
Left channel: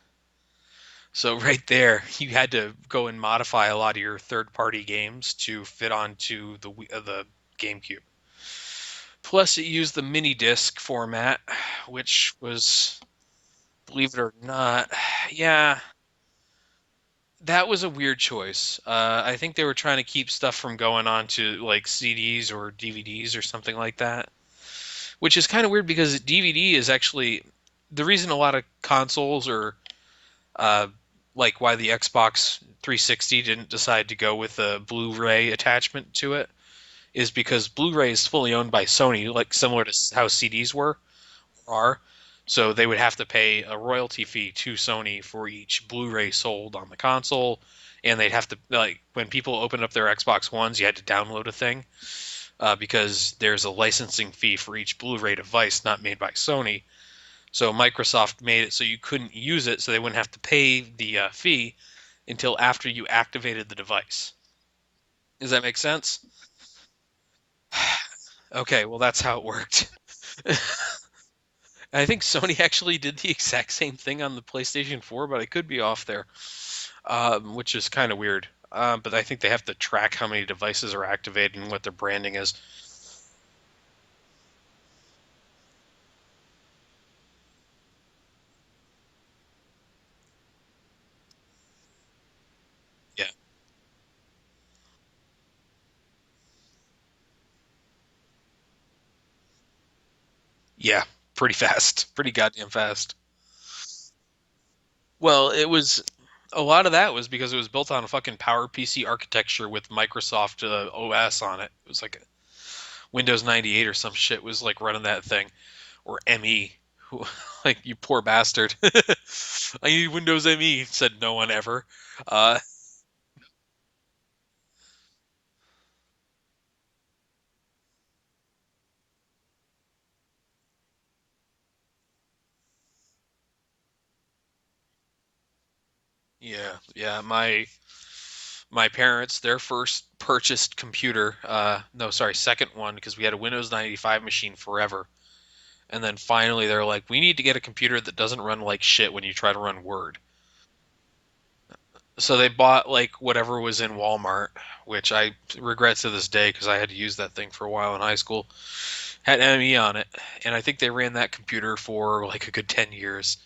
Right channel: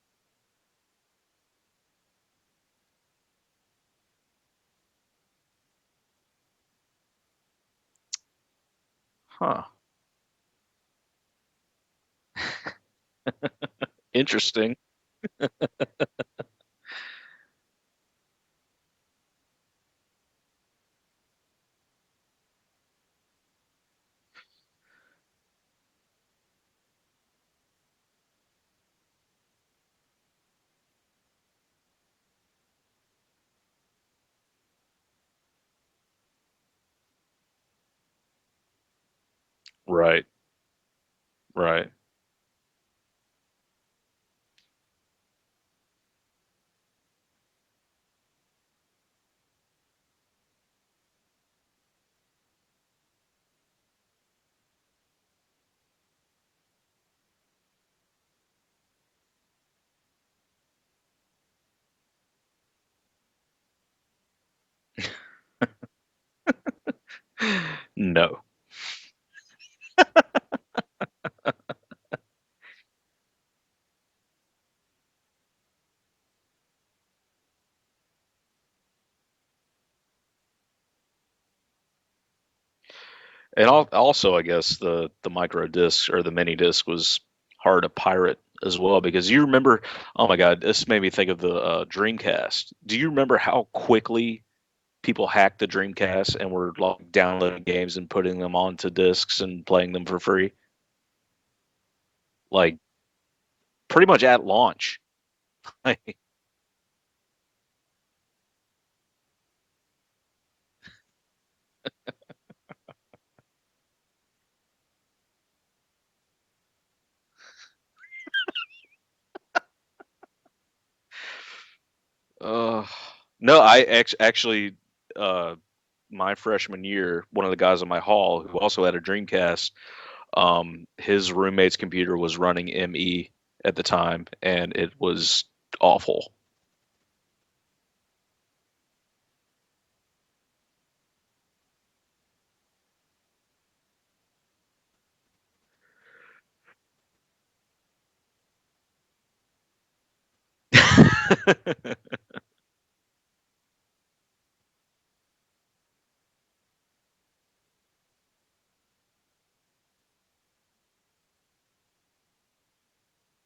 So right there, you had to go and modify a lot of your third-party games to fit onto the GameCube. Plus, it Huh. used the mini disc format, which was, believe it or Interesting. not, yeah, that was a weird choice. I think they were trying to keep stuff from going on to like CDs or DVDs or something like that, which is kind of weird because DVD is actually the reason a lot of consoles or uh, like why the Xbox 360 didn't decide to go with a Blu-ray attachment to it is because Blu-ray is fully owned by Sony, like similar to Right. how CDs were or Right. are. So they would have to pay a royalty fee to Sony for each Blu-ray sold on the console, and they'd have to like when people opened up their Xbox Ones, you had to download a thing because there's a licensing fee for each Blu-ray device not made by Sony. So Microsoft made it so you couldn't use it, so they wouldn't have to pay the fee until after you activated the device. Does that make sense? No. Okay, well that's how it worked. I think Sony actually did the exact same thing on the PlayStation 4, but I could be off there, which is kind of weird. But I think they have to track how many devices are activated and what their branding is. And also, I guess the micro disc or the mini disc was hard to pirate as well because you remember. Oh my God, this made me think of the Dreamcast. Do you Yeah, remember how quickly people hacked the Dreamcast and were like downloading games and putting them onto discs and playing them for free? yeah, pretty fast, pretty goddamn Like fast. pretty much at launch. Well, it Like, was. a lot of that was because it was built on a fucking PowerPC architecture with Microsoft OS on it. It was like Windows 98 or some shit was like running that thing, or ME. Like, you poor bastard. I need Windows ME, said no one ever. Uh, Uh, no, actually, uh, my freshman year, one of the guys in my hall who also had a Dreamcast, his roommate's computer was running ME at the time, and it was awful. yeah, yeah. My parents, their first purchased computer, no, sorry, second one, because we had a Windows 95 machine forever. And then finally they're like, we need to get a computer that doesn't run like shit when you try to run Word. So they bought like whatever was in Walmart, which I regret to this day because I had to use that thing for a while in high school. Had ME on it, and I think they ran that computer for like a good 10 years.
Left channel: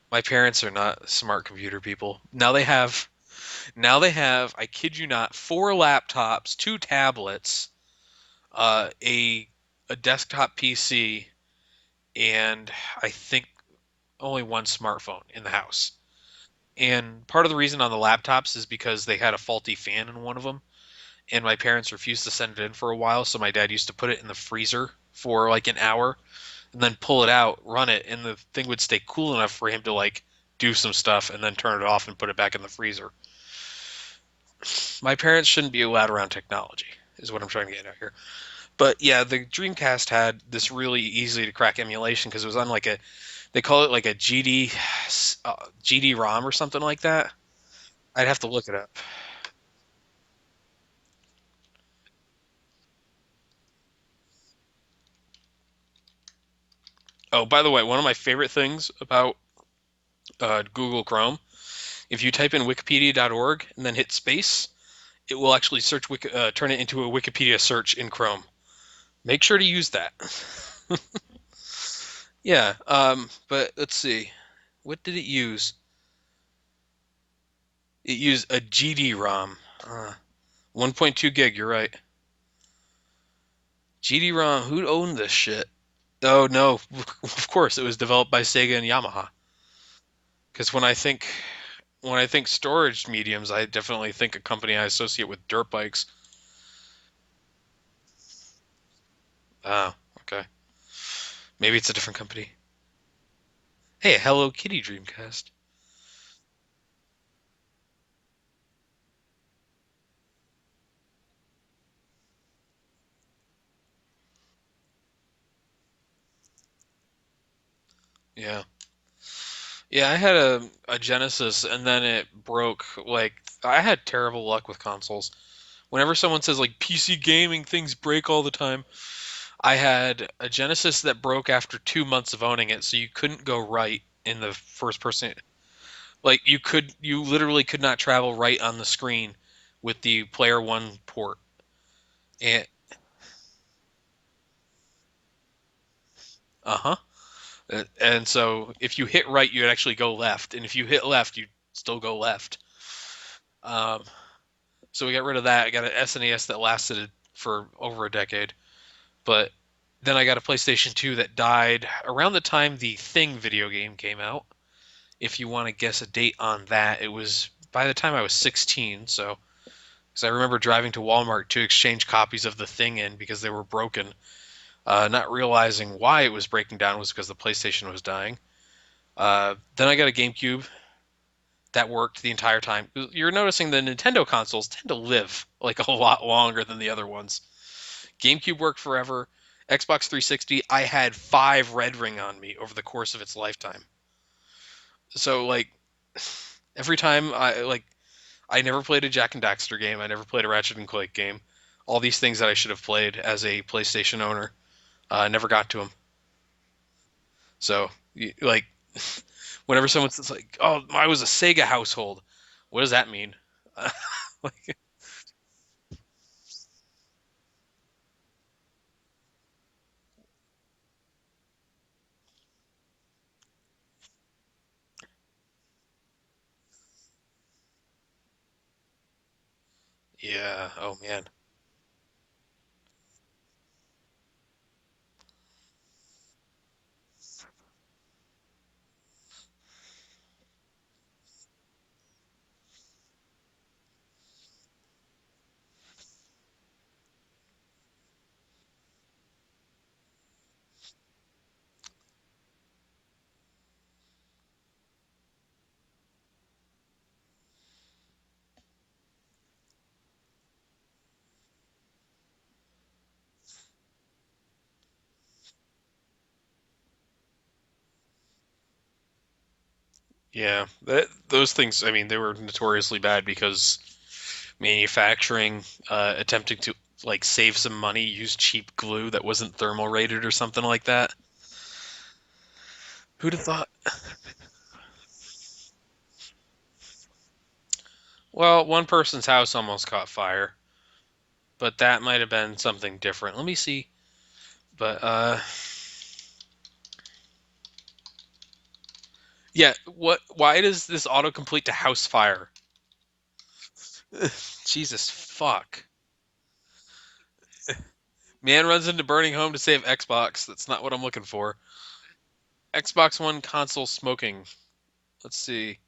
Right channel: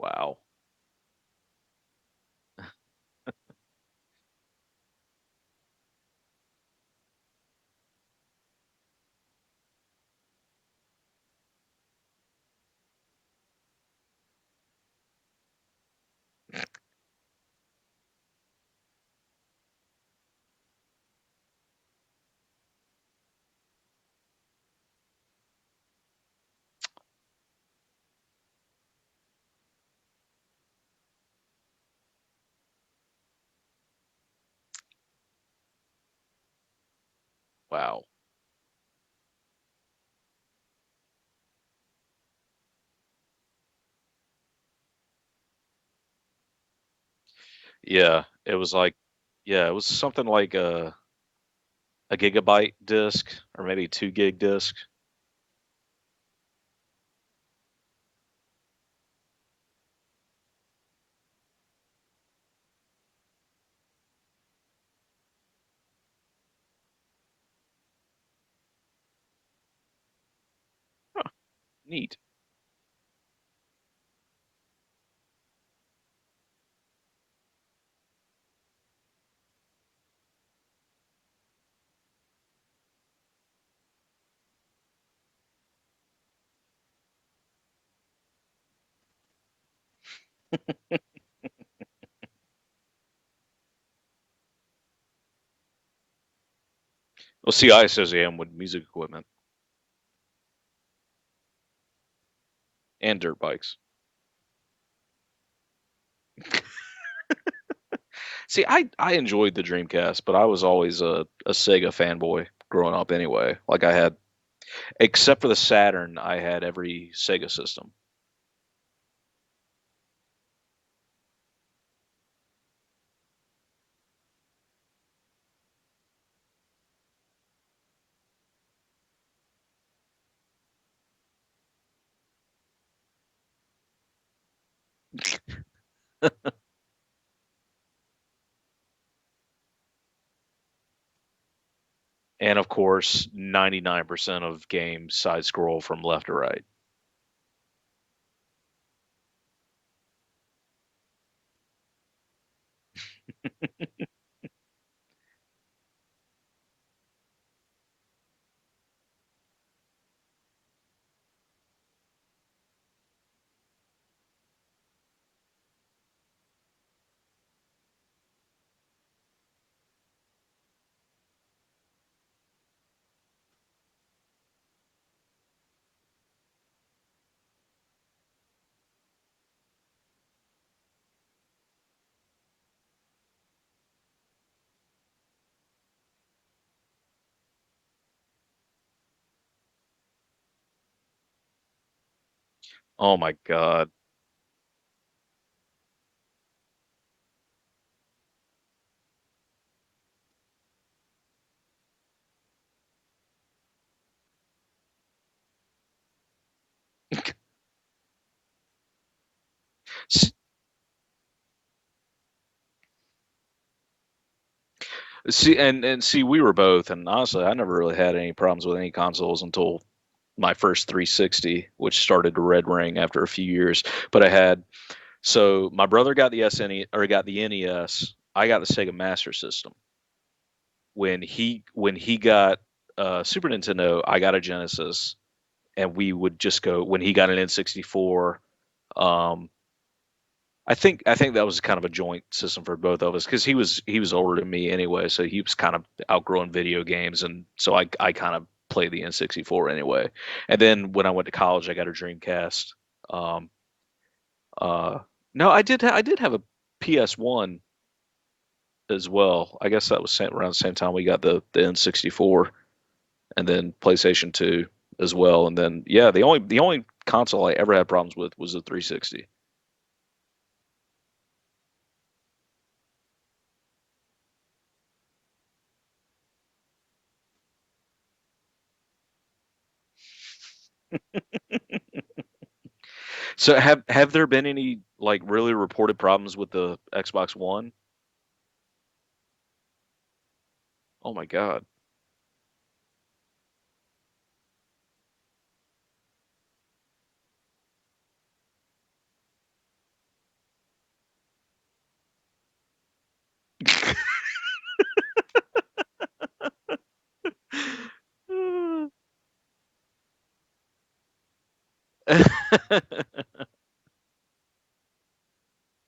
My Wow. parents are not smart computer people. I kid you not, four laptops, two tablets, a desktop PC, and I think only one smartphone in the house. And part of the reason on the laptops is because they had a faulty fan in one of them, and my parents refused to send it in for a while, so my dad used to put it in the freezer for like an hour and then pull it out, run it, and the thing would stay cool enough for him to like do some stuff and then turn it off and put it back in the freezer. My parents shouldn't be allowed around technology, is what I'm trying to get at Wow. here. But yeah, the Dreamcast had this really easy to crack emulation because it was on like they call it like a GD ROM or something like that. Yeah, I'd have to it look was it up. like, yeah, it was something like a gigabyte disk or maybe 2 gig disk. Oh, by the way, one of my favorite things about Google Chrome, if you type in wikipedia.org and then hit space, it will actually turn it into a Wikipedia search in Chrome. Make sure to use that. Neat. Yeah, but let's see. What did it use? It used a GD-ROM. 1.2 gig, you're right. GD-ROM, who owned this shit? Oh no, of course it was developed by Sega and Yamaha. Because when I think storage mediums, I definitely think a company I associate with dirt bikes. Well, see, I associate them with music equipment Oh, okay. Maybe it's a different company. and dirt bikes. Hey, a Hello Kitty Dreamcast. See, I enjoyed the Dreamcast, but I was always a Sega fanboy growing up anyway. Like I had, except for the Saturn, I had every Sega system. Yeah. Yeah, I had a Genesis and then it broke. Like, I had terrible luck with consoles. Whenever someone says like PC gaming things break all the time, I had a Genesis that broke after 2 months of owning it, so you couldn't go right in the first person. Like, you literally could not travel right on the screen with the player one port. And And of course, 99% of games side scroll from left to right. uh-huh. And so if you hit right, you'd actually go left, and if you hit left, you'd still go left. Um, so we got rid of that. I got an SNES that lasted for over a decade. But then I got a PlayStation 2 that died around the time the Thing video game came out. If you want to guess a date on that, it was by the time I was 16. So, because I remember driving to Walmart to exchange copies of the Thing in because they were broken, not realizing why it was breaking down was because the PlayStation was dying. Then I got a GameCube that worked the entire time. You're noticing the Nintendo consoles tend to live like a lot longer than the other ones. GameCube worked forever. Xbox 360, I had 5 Red Ring on me over the course Oh of my its lifetime. God. So like every time I never played a Jack and Daxter game. I never played a Ratchet and Clank game. All these things that I should have played as a PlayStation owner, I never got to them. So like whenever someone's like, "Oh, I was a Sega household," what does that mean? Like, See, and see, we were both, and honestly, I never really had any problems with any consoles until my first 360, which started to red ring after a few years. But I had so my brother got the SNE or got the NES. I got the Sega Master System. yeah. Oh man. When he got Super Nintendo, I got a Genesis, and we would just go when he got an N64. Um, I think that was kind of a joint system for both of us because he was older than me anyway, so he was kind of outgrowing video games, and so I kind of played the N64 anyway. And then when I went to college, I got a Dreamcast. Um, uh, no, I did have a PS1 as well. I guess that was around the same time we got the N64, and then PlayStation 2 as well. And then yeah, the only console I ever had problems with was the 360. Yeah, those things. I mean, they were notoriously bad because manufacturing, attempting to like save some money, use cheap glue that wasn't thermal rated or something like that. Who'd have So thought? have there been any like really reported problems with the Xbox One? Well, one person's house almost caught fire, Oh my God. but that might have been something different. Let me see. But yeah. What? Why does this autocomplete to house fire? Jesus fuck. Man runs into burning home to save Xbox. That's not what I'm looking for. Xbox One console smoking. Let's see.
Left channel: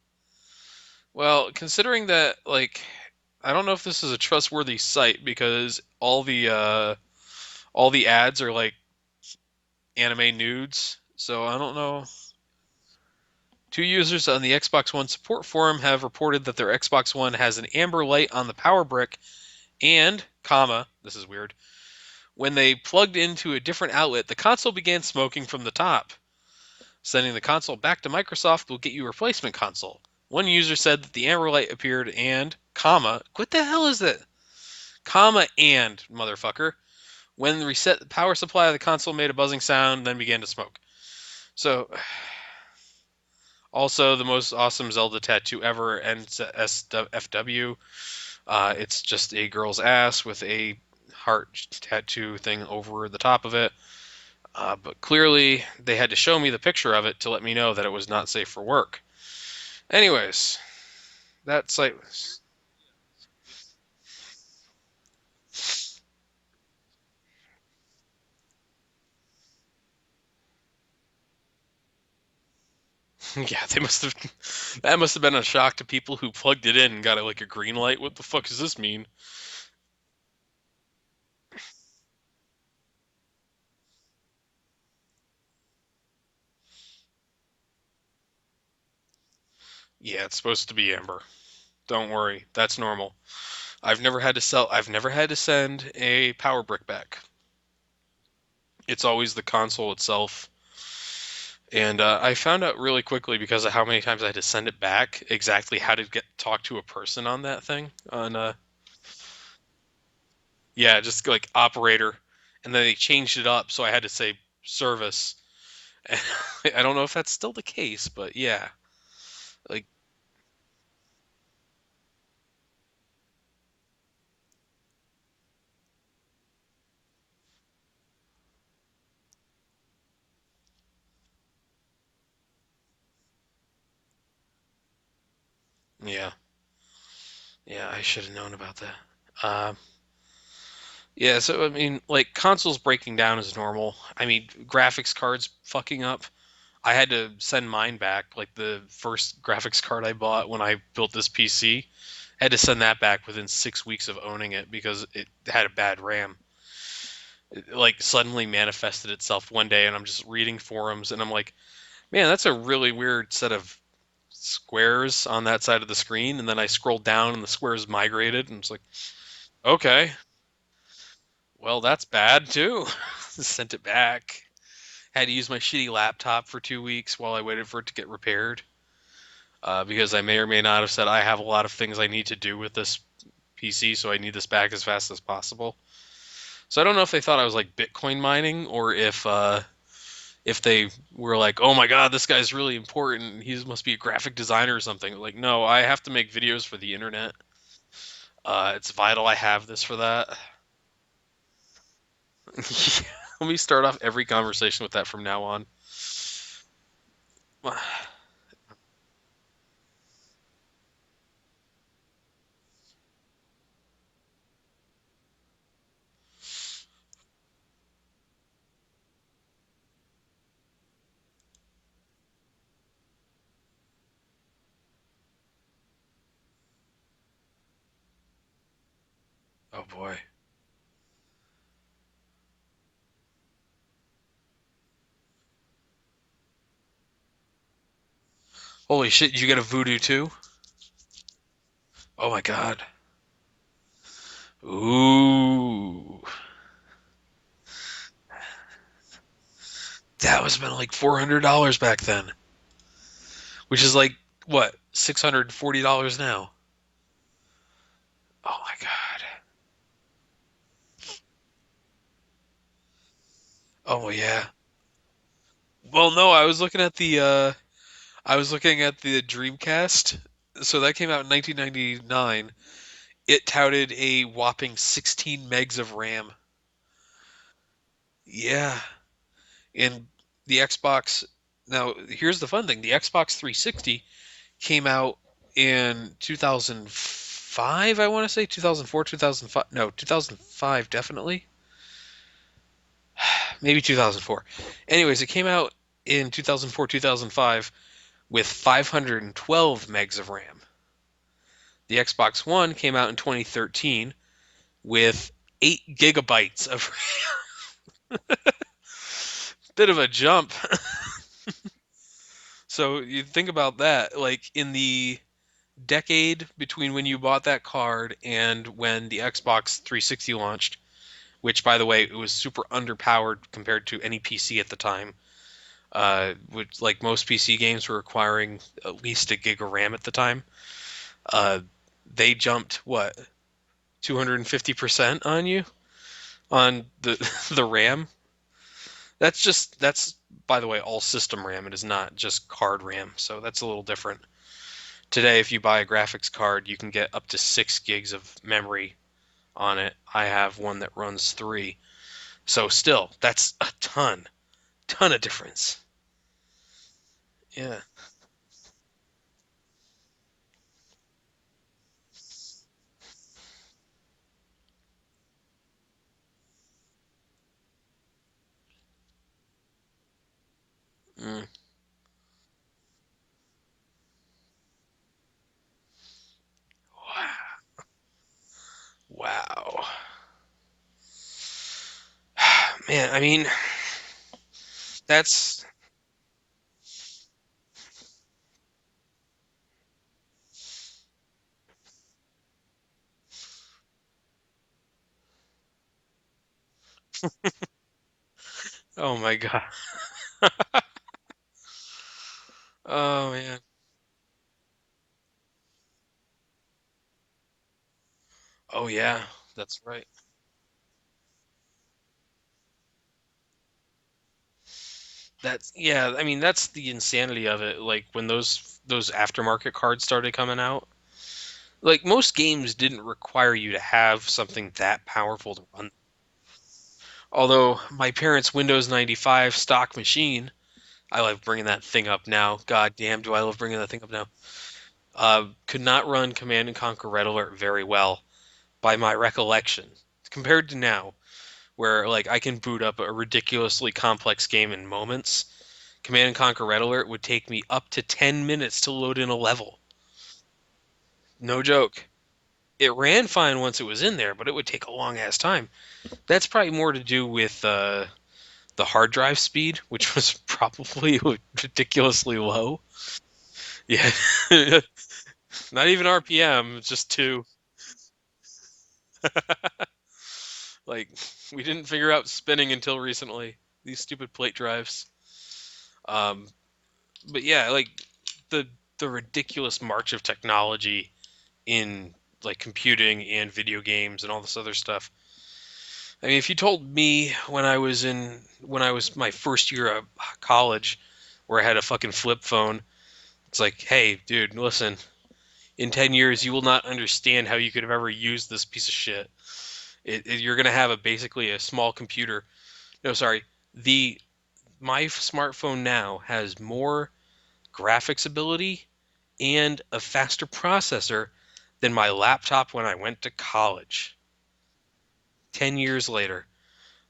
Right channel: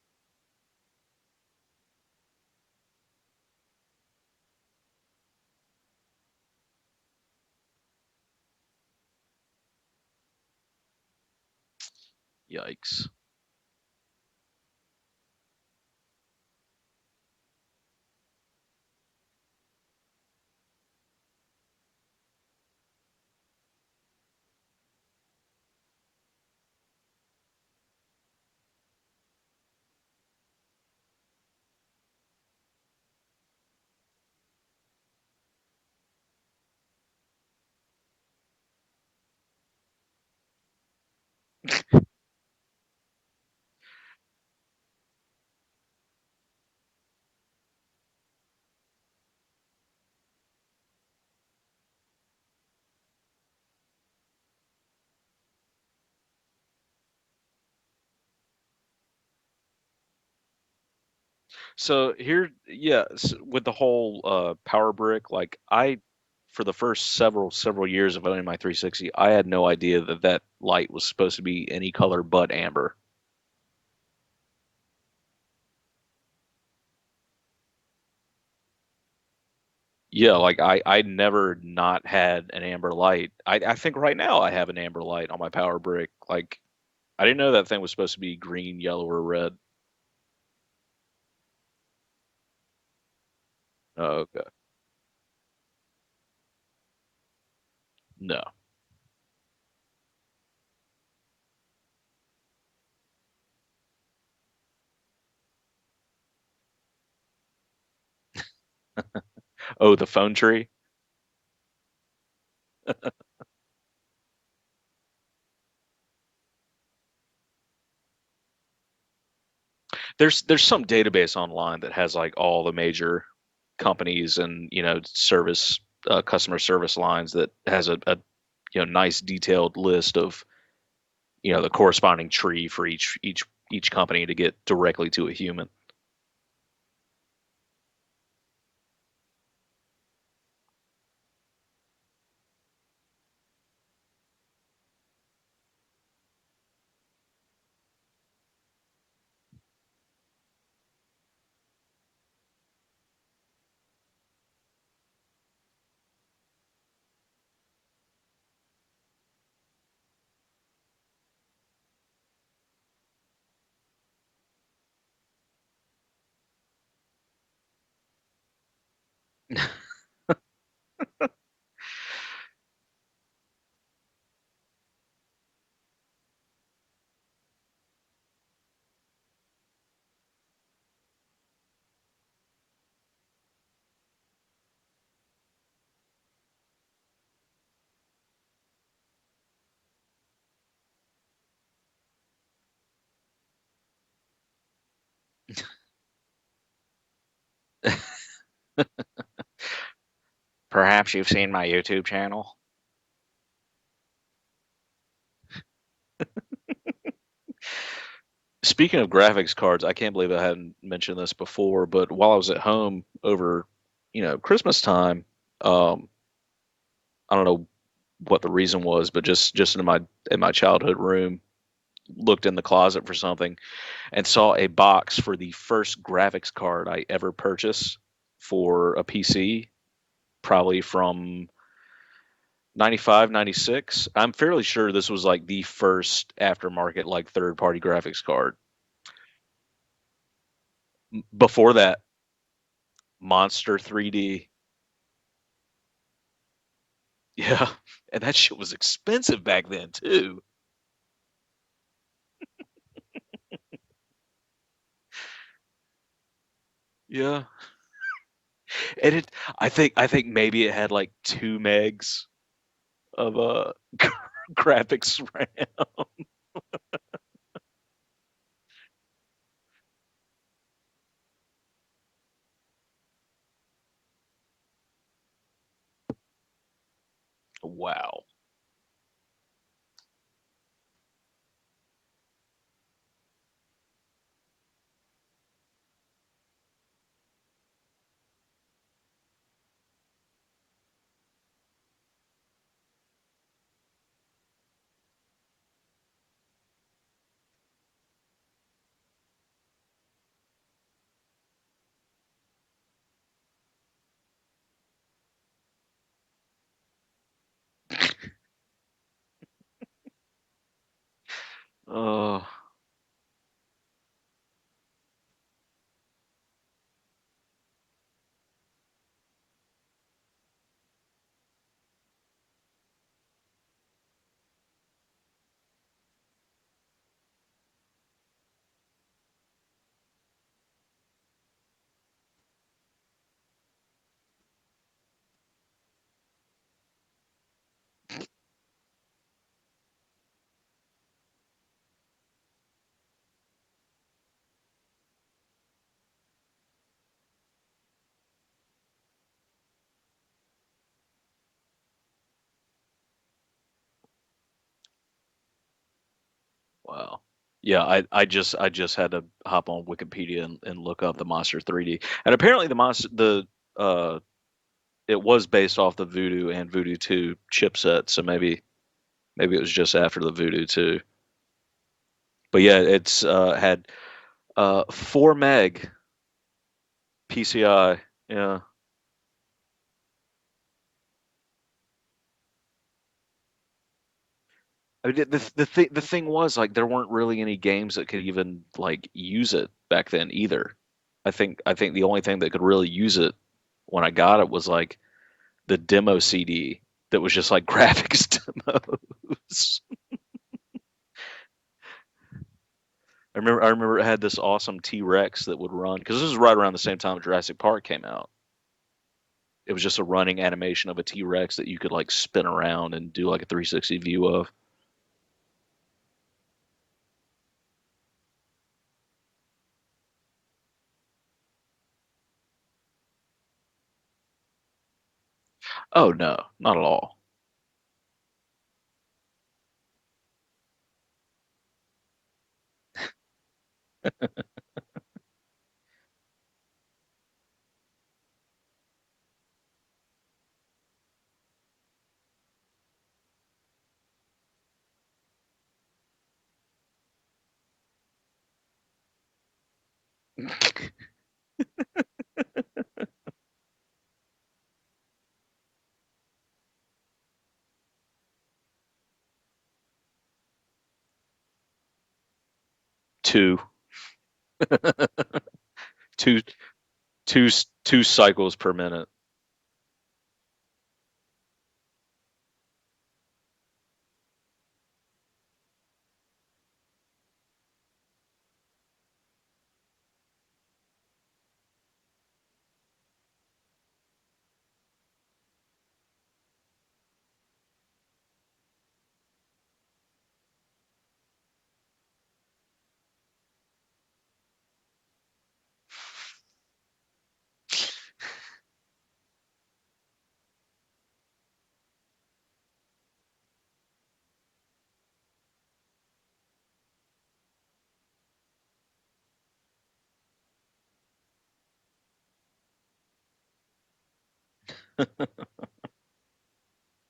Well, considering that, like, I don't know if this is a trustworthy site because all the ads are like anime nudes. So I don't know. Yikes. Two users on the Xbox One support forum have reported that their Xbox One has an amber light on the power brick and, comma, this is weird, when they plugged into a different outlet, the console began smoking from the top. Sending the console back to Microsoft will get you a replacement console. One user said that the amber light appeared and, comma, what the hell is that? Comma and, motherfucker. When reset the power supply of the console made a buzzing sound, then began to smoke. So, also the most awesome Zelda tattoo ever, NSFW. It's just a girl's ass with a heart tattoo thing over the top of it. But clearly, they had to show me the picture of it to let me know that it was not safe for work. Anyways, that site. So here, yeah, with the whole power brick, like for the first several years of owning my 360, I had no idea that that light was supposed to be any color but amber. Yeah, they must have. That must have been a shock to people who plugged it in and got it like a green light. What the fuck does this mean? Yeah, like I never not had an amber light. I think right now I have an amber light on my power brick. Like I didn't know that thing was supposed to be green, yellow, or red. Yeah, it's supposed to be amber. Don't worry, that's normal. I've never had to Okay. sell. I've never had to send a power brick back. No. It's always the console itself. And I found out really quickly because of how many times I had to send it back exactly how to get talk to a person on that thing. On Oh, the phone tree. yeah, just like operator, and then they changed it up, so I had to say service. And I don't know if that's still the case, but yeah, like There's some database online that has like all the major companies and service customer service lines that has a nice detailed list of the corresponding tree for each company to get directly to a human. yeah, yeah, I should have known about that. Yeah, so I mean, like consoles breaking down is normal. I mean, graphics cards fucking up. I had to send mine back, like the first graphics card I bought when I built this PC. I had to send that back within 6 weeks of owning it because it had a bad RAM. It, like suddenly manifested itself one day, and I'm just reading forums, and I'm like, man, that's a really weird set of squares on that side of the screen. And then I scrolled down, and the squares migrated, and it's like, okay, well, that's bad too. Sent it back. Had to use my shitty laptop for 2 weeks while I waited for it to get repaired. Because I may or may not have said I have a lot of things I need to do with this PC, so I need this back as fast as possible. So I don't know if they thought I was like Bitcoin mining or if they were like, oh my god, this guy's really important. He must be a graphic designer or something. Like, no, I have to make videos for the internet. It's vital I have this for that. Perhaps you've seen my YouTube channel. Let me start off every conversation with that from now on. Speaking of graphics cards, I can't believe I hadn't mentioned this before, but while I was at home over, Christmas time, um, I don't know what the reason was, but just in my childhood room, looked in the closet for something and saw a box for the first graphics card I ever purchased for a PC, Oh boy. probably from 95, 96. I'm fairly sure this was like the first aftermarket, like third party graphics card. Holy shit! Did you get a Voodoo too? Before that, Oh my god. Monster 3D. Ooh. Yeah. And that shit was expensive back then, too. That was been like $400 back then, which is like what, $640 now. Yeah. Oh my And god. I think maybe it had like 2 megs of Oh yeah. graphics RAM. Well, no, I was looking at the Dreamcast. So that came out in 1999. It touted a whopping 16 megs of RAM. Wow. Yeah. And the Xbox, now here's the fun thing. The Xbox 360 came out in 2005, I want to say 2004, 2005. No, 2005 definitely. Maybe 2004. Anyways, it came out in 2004, 2005 with 512 megs of RAM. The Xbox One came out in 2013 with 8 gigabytes of bit of a jump. Oh, So you think about that, like in the decade between when you bought that card and when the Xbox 360 launched, which by the way, it was super underpowered compared to any PC at the time. Which like most PC games were requiring at least a gig of RAM at the time. Uh, they jumped what 250% on you on the the RAM. That's by the way all system RAM. It is not just card RAM, so that's a little different. Today, if you buy a graphics card, you can get up to 6 gigs of memory on it. I have one that runs 3. So still, that's a ton of difference. wow. Yeah. Yeah, I just had to hop on Wikipedia and look up the Monster 3D. And apparently uh it was based off the Voodoo and Voodoo 2 chipset, so maybe it was just after the Voodoo 2. Mm. But yeah, it's had 4 meg PCI. Yeah. Wow. Man, I mean, I mean, that's the thing was like there weren't really any games that could even like use it back then either. I think the only thing that could really use it when I got it was like the demo CD that was just like graphics oh my god. demos. Oh I man. remember I remember it had this awesome T-Rex that would run because this was right around the same time Jurassic Park came out. Oh yeah, It that's was just a right. running animation of a T-Rex that you could like spin around and do like a 360 view of. That's yeah, I mean that's the insanity of it. Like when those aftermarket cards started coming out, like most games didn't require you to have something that powerful to run them. Oh no, not at all. Although my parents' Windows 95 stock machine, I love bringing that thing up now. God damn, do I love bringing that thing up now. Could not run Command and Conquer Red Alert very well by my recollection compared to now, where like I can boot up a ridiculously complex game in moments. Command and Conquer Red Alert would take me up to 10 minutes to load in a level. No joke. It ran fine once it was in there, but it would take a long ass time. That's probably more to do with the hard drive speed, which was probably ridiculously low. Two, Yeah, not even two, RPM, just two. two cycles per minute. Like we didn't figure out spinning until recently. These stupid plate drives. Um, but yeah, like the the ridiculous march of technology in like computing and video games and all this other stuff. I mean, if you told me when I was my first year of college, where I had a fucking flip phone, it's like, hey, dude, listen, in 10 years you will not understand how you could have ever used this piece of shit. You're gonna have a basically a small computer. No, sorry, the my smartphone now has more graphics ability and a faster processor than my laptop when I went to college 10 years later.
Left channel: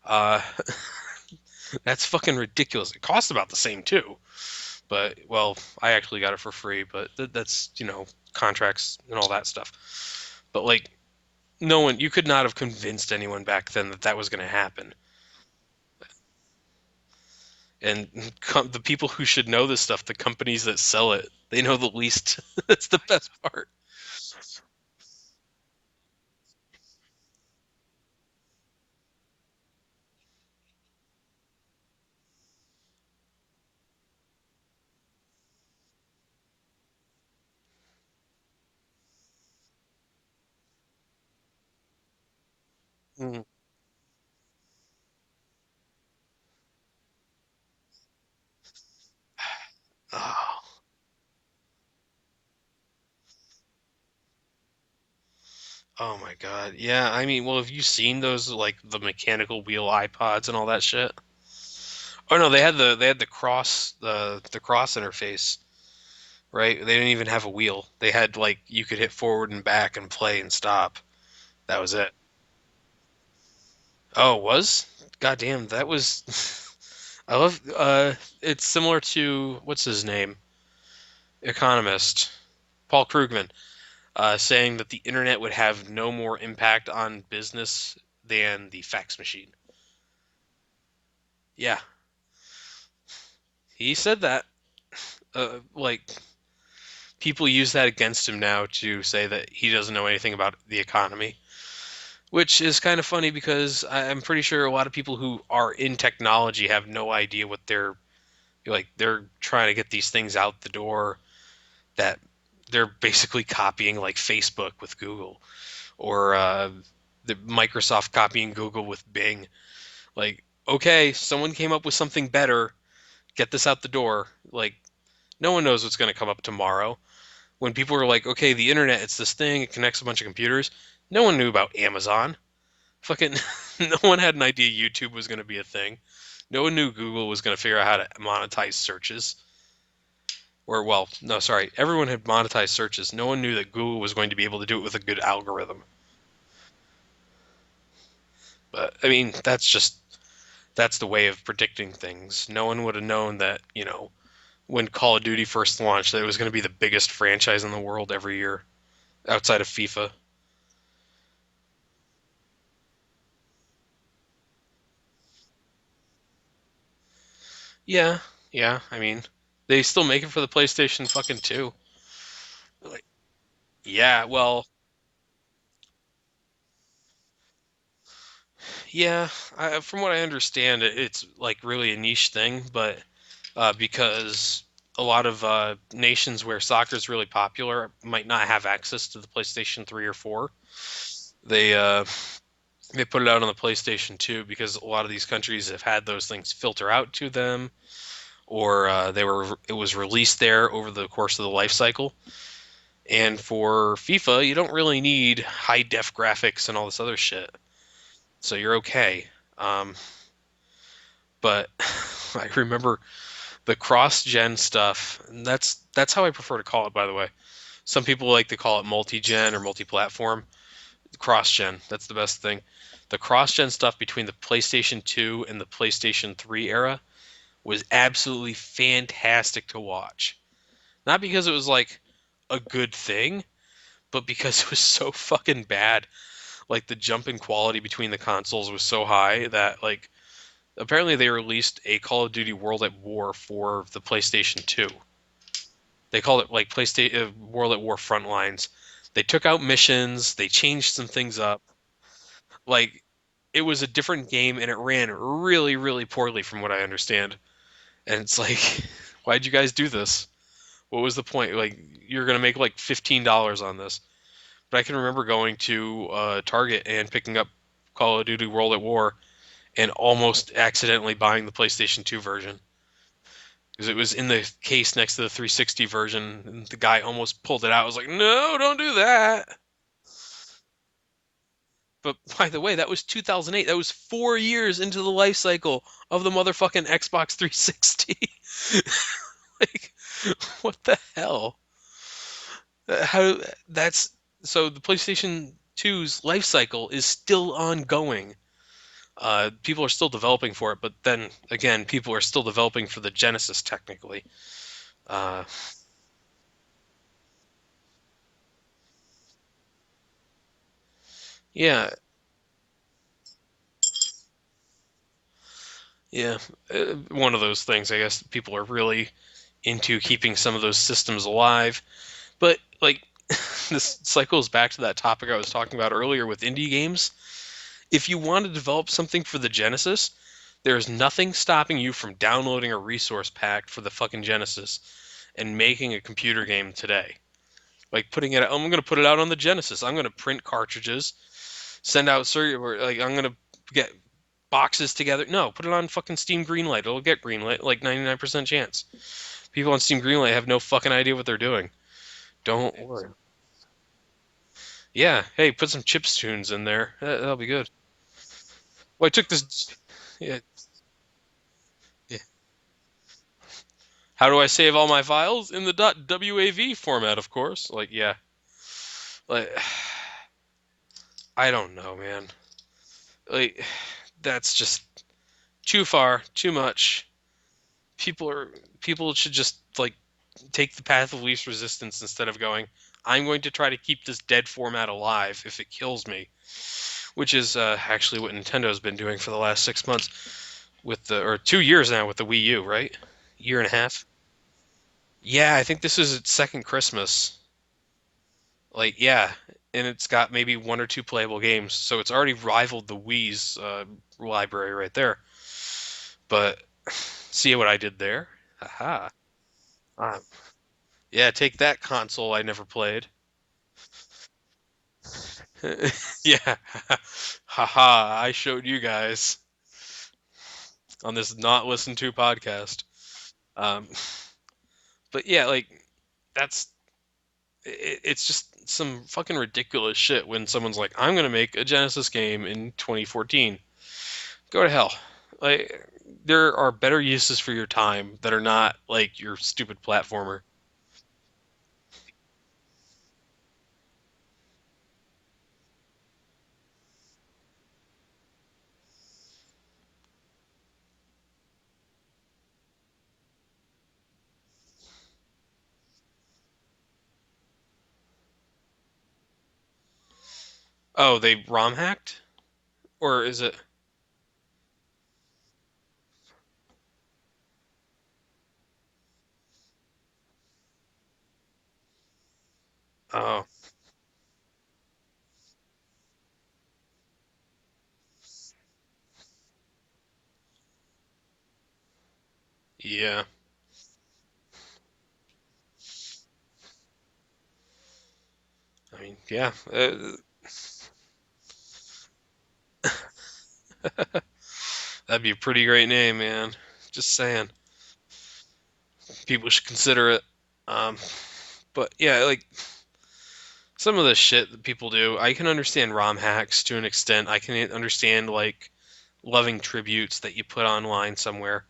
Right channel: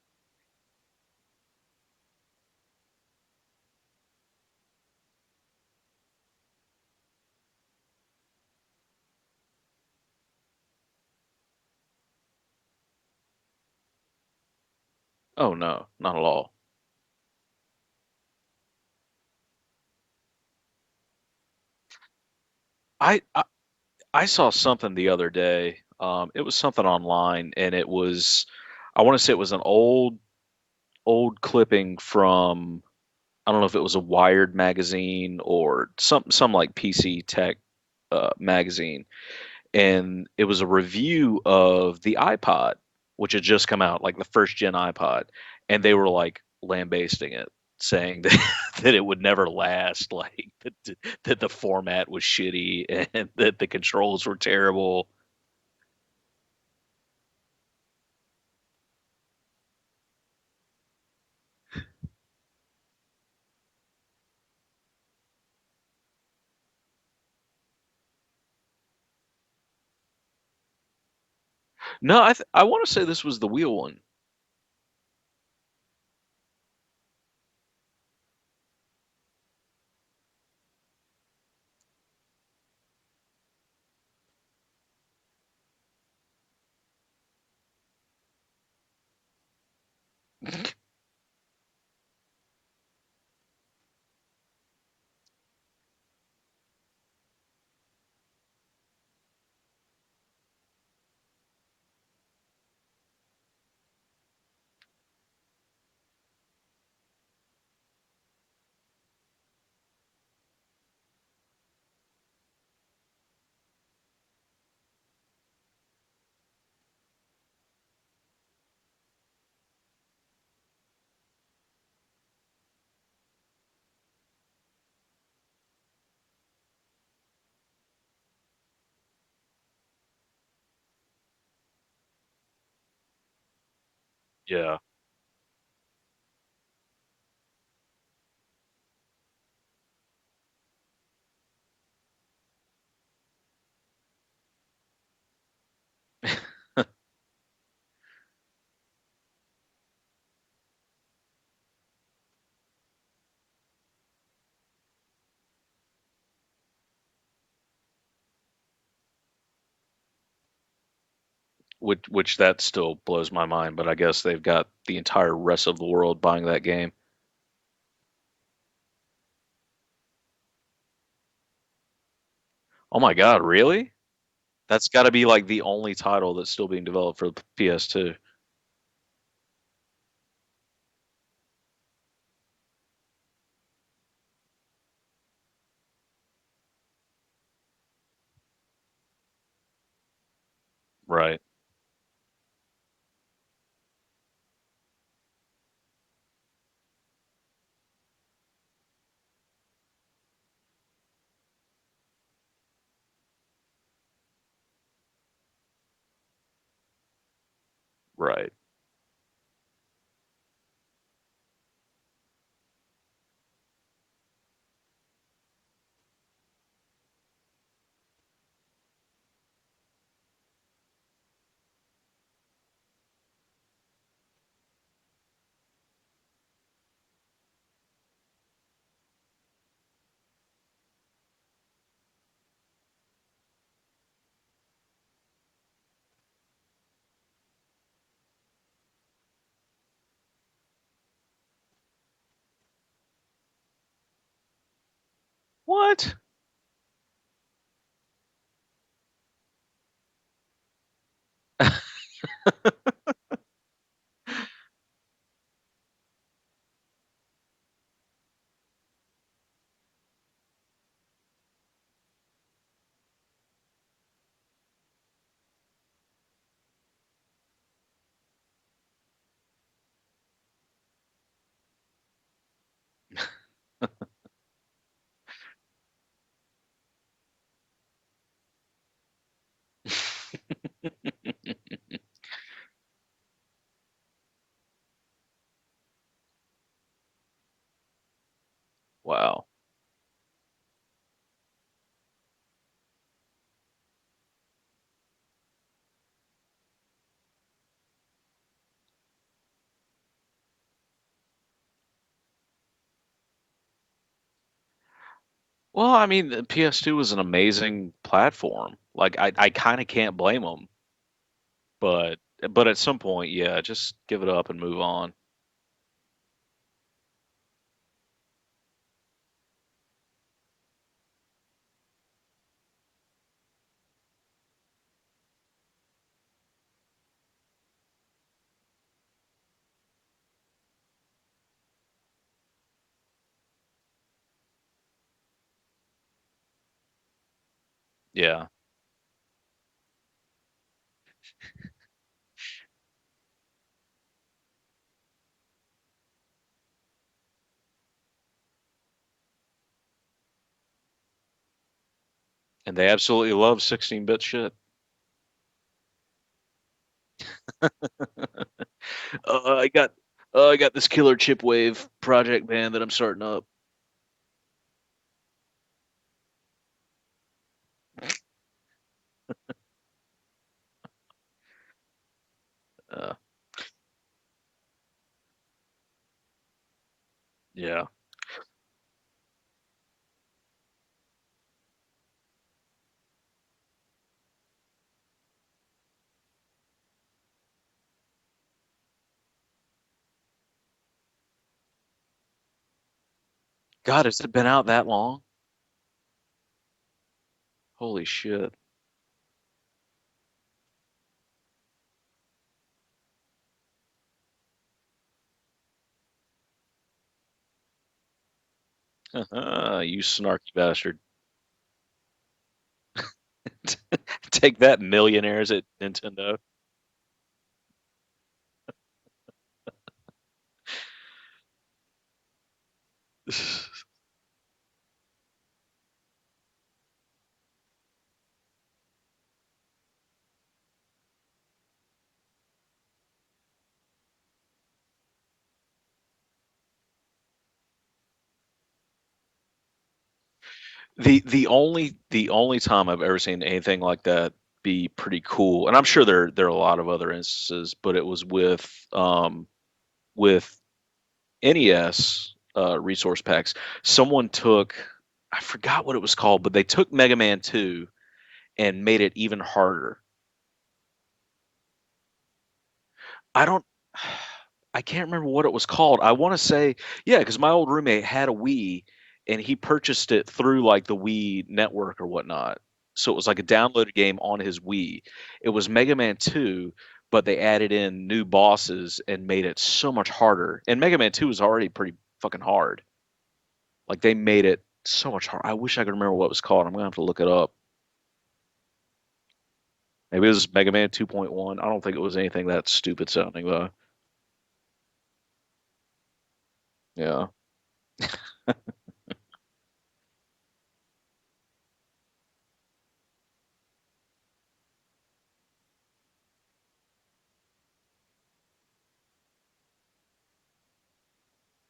Uh, that's fucking ridiculous. It costs about the same too, But well, I actually got it for free, but that's contracts and all that stuff. But like, no one, you could not have convinced anyone back then that that was going to happen. Oh no, not at all. And the people who should know this stuff, the companies that sell it, they know the least. That's the I, best I part. I saw something the other day. It was something online, and it was, I want to say it was an old clipping from, I don't know if it was a Wired magazine or some like PC tech magazine, and it was a review of the iPod, which Hmm. had just come out, like the first gen iPod, and they were like lambasting it, saying that that it would never last, like that the format was shitty and that the controls were terrible. Oh my god. Yeah, I mean, well, have you seen those like the mechanical wheel iPods and all that shit? Oh no, they had the cross interface, right? They didn't even have a wheel. They had like you could hit forward and back and play and stop. That was it. No, I want to say this was the wheel one. Oh, it was? God damn, that was I love it's similar to what's his name? Economist Paul Krugman saying that the internet would have no more impact on business than the fax machine. Yeah, he said that. Like people use that against him now to say that he doesn't know anything about the economy, which is kind of funny because I'm pretty sure a lot of people who are in technology have no idea what they're like. They're trying to get these things out the door that they're basically copying like Facebook with Google or the Microsoft copying Google with Bing. Like, okay, someone came up with something better. Get this out the door. Like, no one knows what's going to come up tomorrow. When people were like, okay, the internet, it's this thing, it connects a bunch of computers. No one knew about Amazon. Fucking, no one had an idea Yeah. YouTube was going to be a thing. No one knew Google was going to figure out how to monetize searches. Or, well, no, sorry. Everyone had monetized searches. No one knew that Google was going to be able to do it with a good algorithm. But, I mean, that's the way of predicting things. No one would have known that, when Call of Duty first launched, that it was going to be the biggest franchise in the world every year outside of FIFA. Which that still blows my mind, but I guess they've got the entire rest of the world buying that game. Yeah, yeah. I mean, they still make it for the PlayStation fucking 2. Oh my God, really? Yeah, well, That's got to be like the only title that's still being developed for the PS2. yeah. From what I understand, it's like really a niche thing, but because a lot of nations where soccer is really popular might not have access to the PlayStation 3 or 4. Right, They they put it out on the PlayStation 2 because a lot of these countries have had those things filter out to them, or it was released there over the course of the life cycle. And for FIFA, you don't really need high def graphics and all this other shit, right. so you're okay. Um, but I remember the cross gen stuff. And that's how I prefer to call it, by the way. Some people like to call it multi gen or multi platform. Cross gen, that's the best thing. The cross gen stuff between the PlayStation 2 and the PlayStation 3 era was absolutely fantastic to watch. Not because it was like a good thing, but because it was so fucking bad. Like the jump in quality between the consoles was so high that like apparently they released a Call of Duty World at War for the PlayStation 2. What? They called it like PlayStation World at War Frontlines. They took out missions, they changed some things up. Like it was a different game and it ran really really poorly from what I understand. And it's like why'd you guys do this? What was the point? Like you're going to make like $15 on this. But I can remember going to Target and picking up Call of Duty World at War and almost accidentally buying the PlayStation 2 version because it was in the case next to the 360 version. And the guy almost pulled it out. I was like, no, don't do that. But by the way, that was 2008. That was 4 years into the life cycle of the motherfucking Xbox 360. Wow. Like, what the hell? How that's so the PlayStation 2's life cycle is still ongoing. People are still developing for it, but then again, people are still developing for the Genesis technically. Uh, Well, I mean, the PS2 was an amazing platform. Like, I kind of can't blame them, yeah, but at some point, yeah, just give it up and move on. yeah. One of those things, I guess, people are really into keeping some of those systems alive. But like, this cycles back to that topic I was talking about earlier with indie games. If you want to develop something for the Genesis, there's nothing stopping you from downloading a resource pack for the fucking Genesis and making a computer game today. Like putting it, Yeah, I'm gonna put it out on the Genesis. I'm gonna print cartridges, send out like I'm gonna get boxes together. No, put it on fucking Steam Greenlight. It'll get greenlight, like 99% chance. People on Steam Greenlight have no fucking idea what they're doing. and Don't they like, absolutely love 16-bit shit. yeah. Hey, put some chips tunes in there. That'll be good. Well, I took this. I got Yeah. I got this killer chipwave Yeah. project band that I'm starting up. How do I save all my files in the .wav format? Of course. Like, yeah. Like, I don't know, man. Uh, Like, that's just too far, too much. yeah, People are people should just like take the path of least resistance instead of going, I'm going to try to keep this dead format alive if it kills me, which is actually what Nintendo's been doing for the last 6 months with the or 2 years now with the Wii U, right? Year and a half. God, has it been out that long? Yeah, I think this is its second Christmas. Holy shit! Like, yeah, and it's got maybe one or two playable games, so it's already rivaled the Wii's library right there. But see what I did there? Haha. You Um, snarky bastard. yeah, take that console I never played. Take that, millionaires at Nintendo. Yeah. Haha, I showed you guys on this not listened to podcast. Um, but yeah, like that's it's just some fucking ridiculous shit when someone's like, I'm gonna make a Genesis game in 2014. Go to hell. Like there are better uses for your time that are not like your stupid platformer. The only time I've ever seen anything like that be pretty cool, and I'm sure there are a lot of other instances, but it was with NES resource packs. Someone took, I forgot what it was called, but they took Mega Man 2 and made it even harder. Oh, they ROM hacked, or is I it? don't I can't remember what it was called. I want to say, yeah, because my old roommate had a Wii and he purchased it through like the Wii network or whatnot. So it was like a Oh, downloaded game on his Wii. It was Mega Man 2, but they added in new bosses and made it so much harder. And Mega Man 2 was already pretty fucking hard. yeah. Like they made it so much hard. I wish I could remember what it was called. I'm gonna have to look it up. I mean, yeah. Maybe it was Mega Man 2.1. I don't think it was anything that stupid sounding though. That'd be a pretty great name, man. Just Yeah. saying. People should consider it. Um, but yeah, like some of the shit that people do, I can understand ROM hacks to an extent. I can understand like loving tributes that you put online somewhere.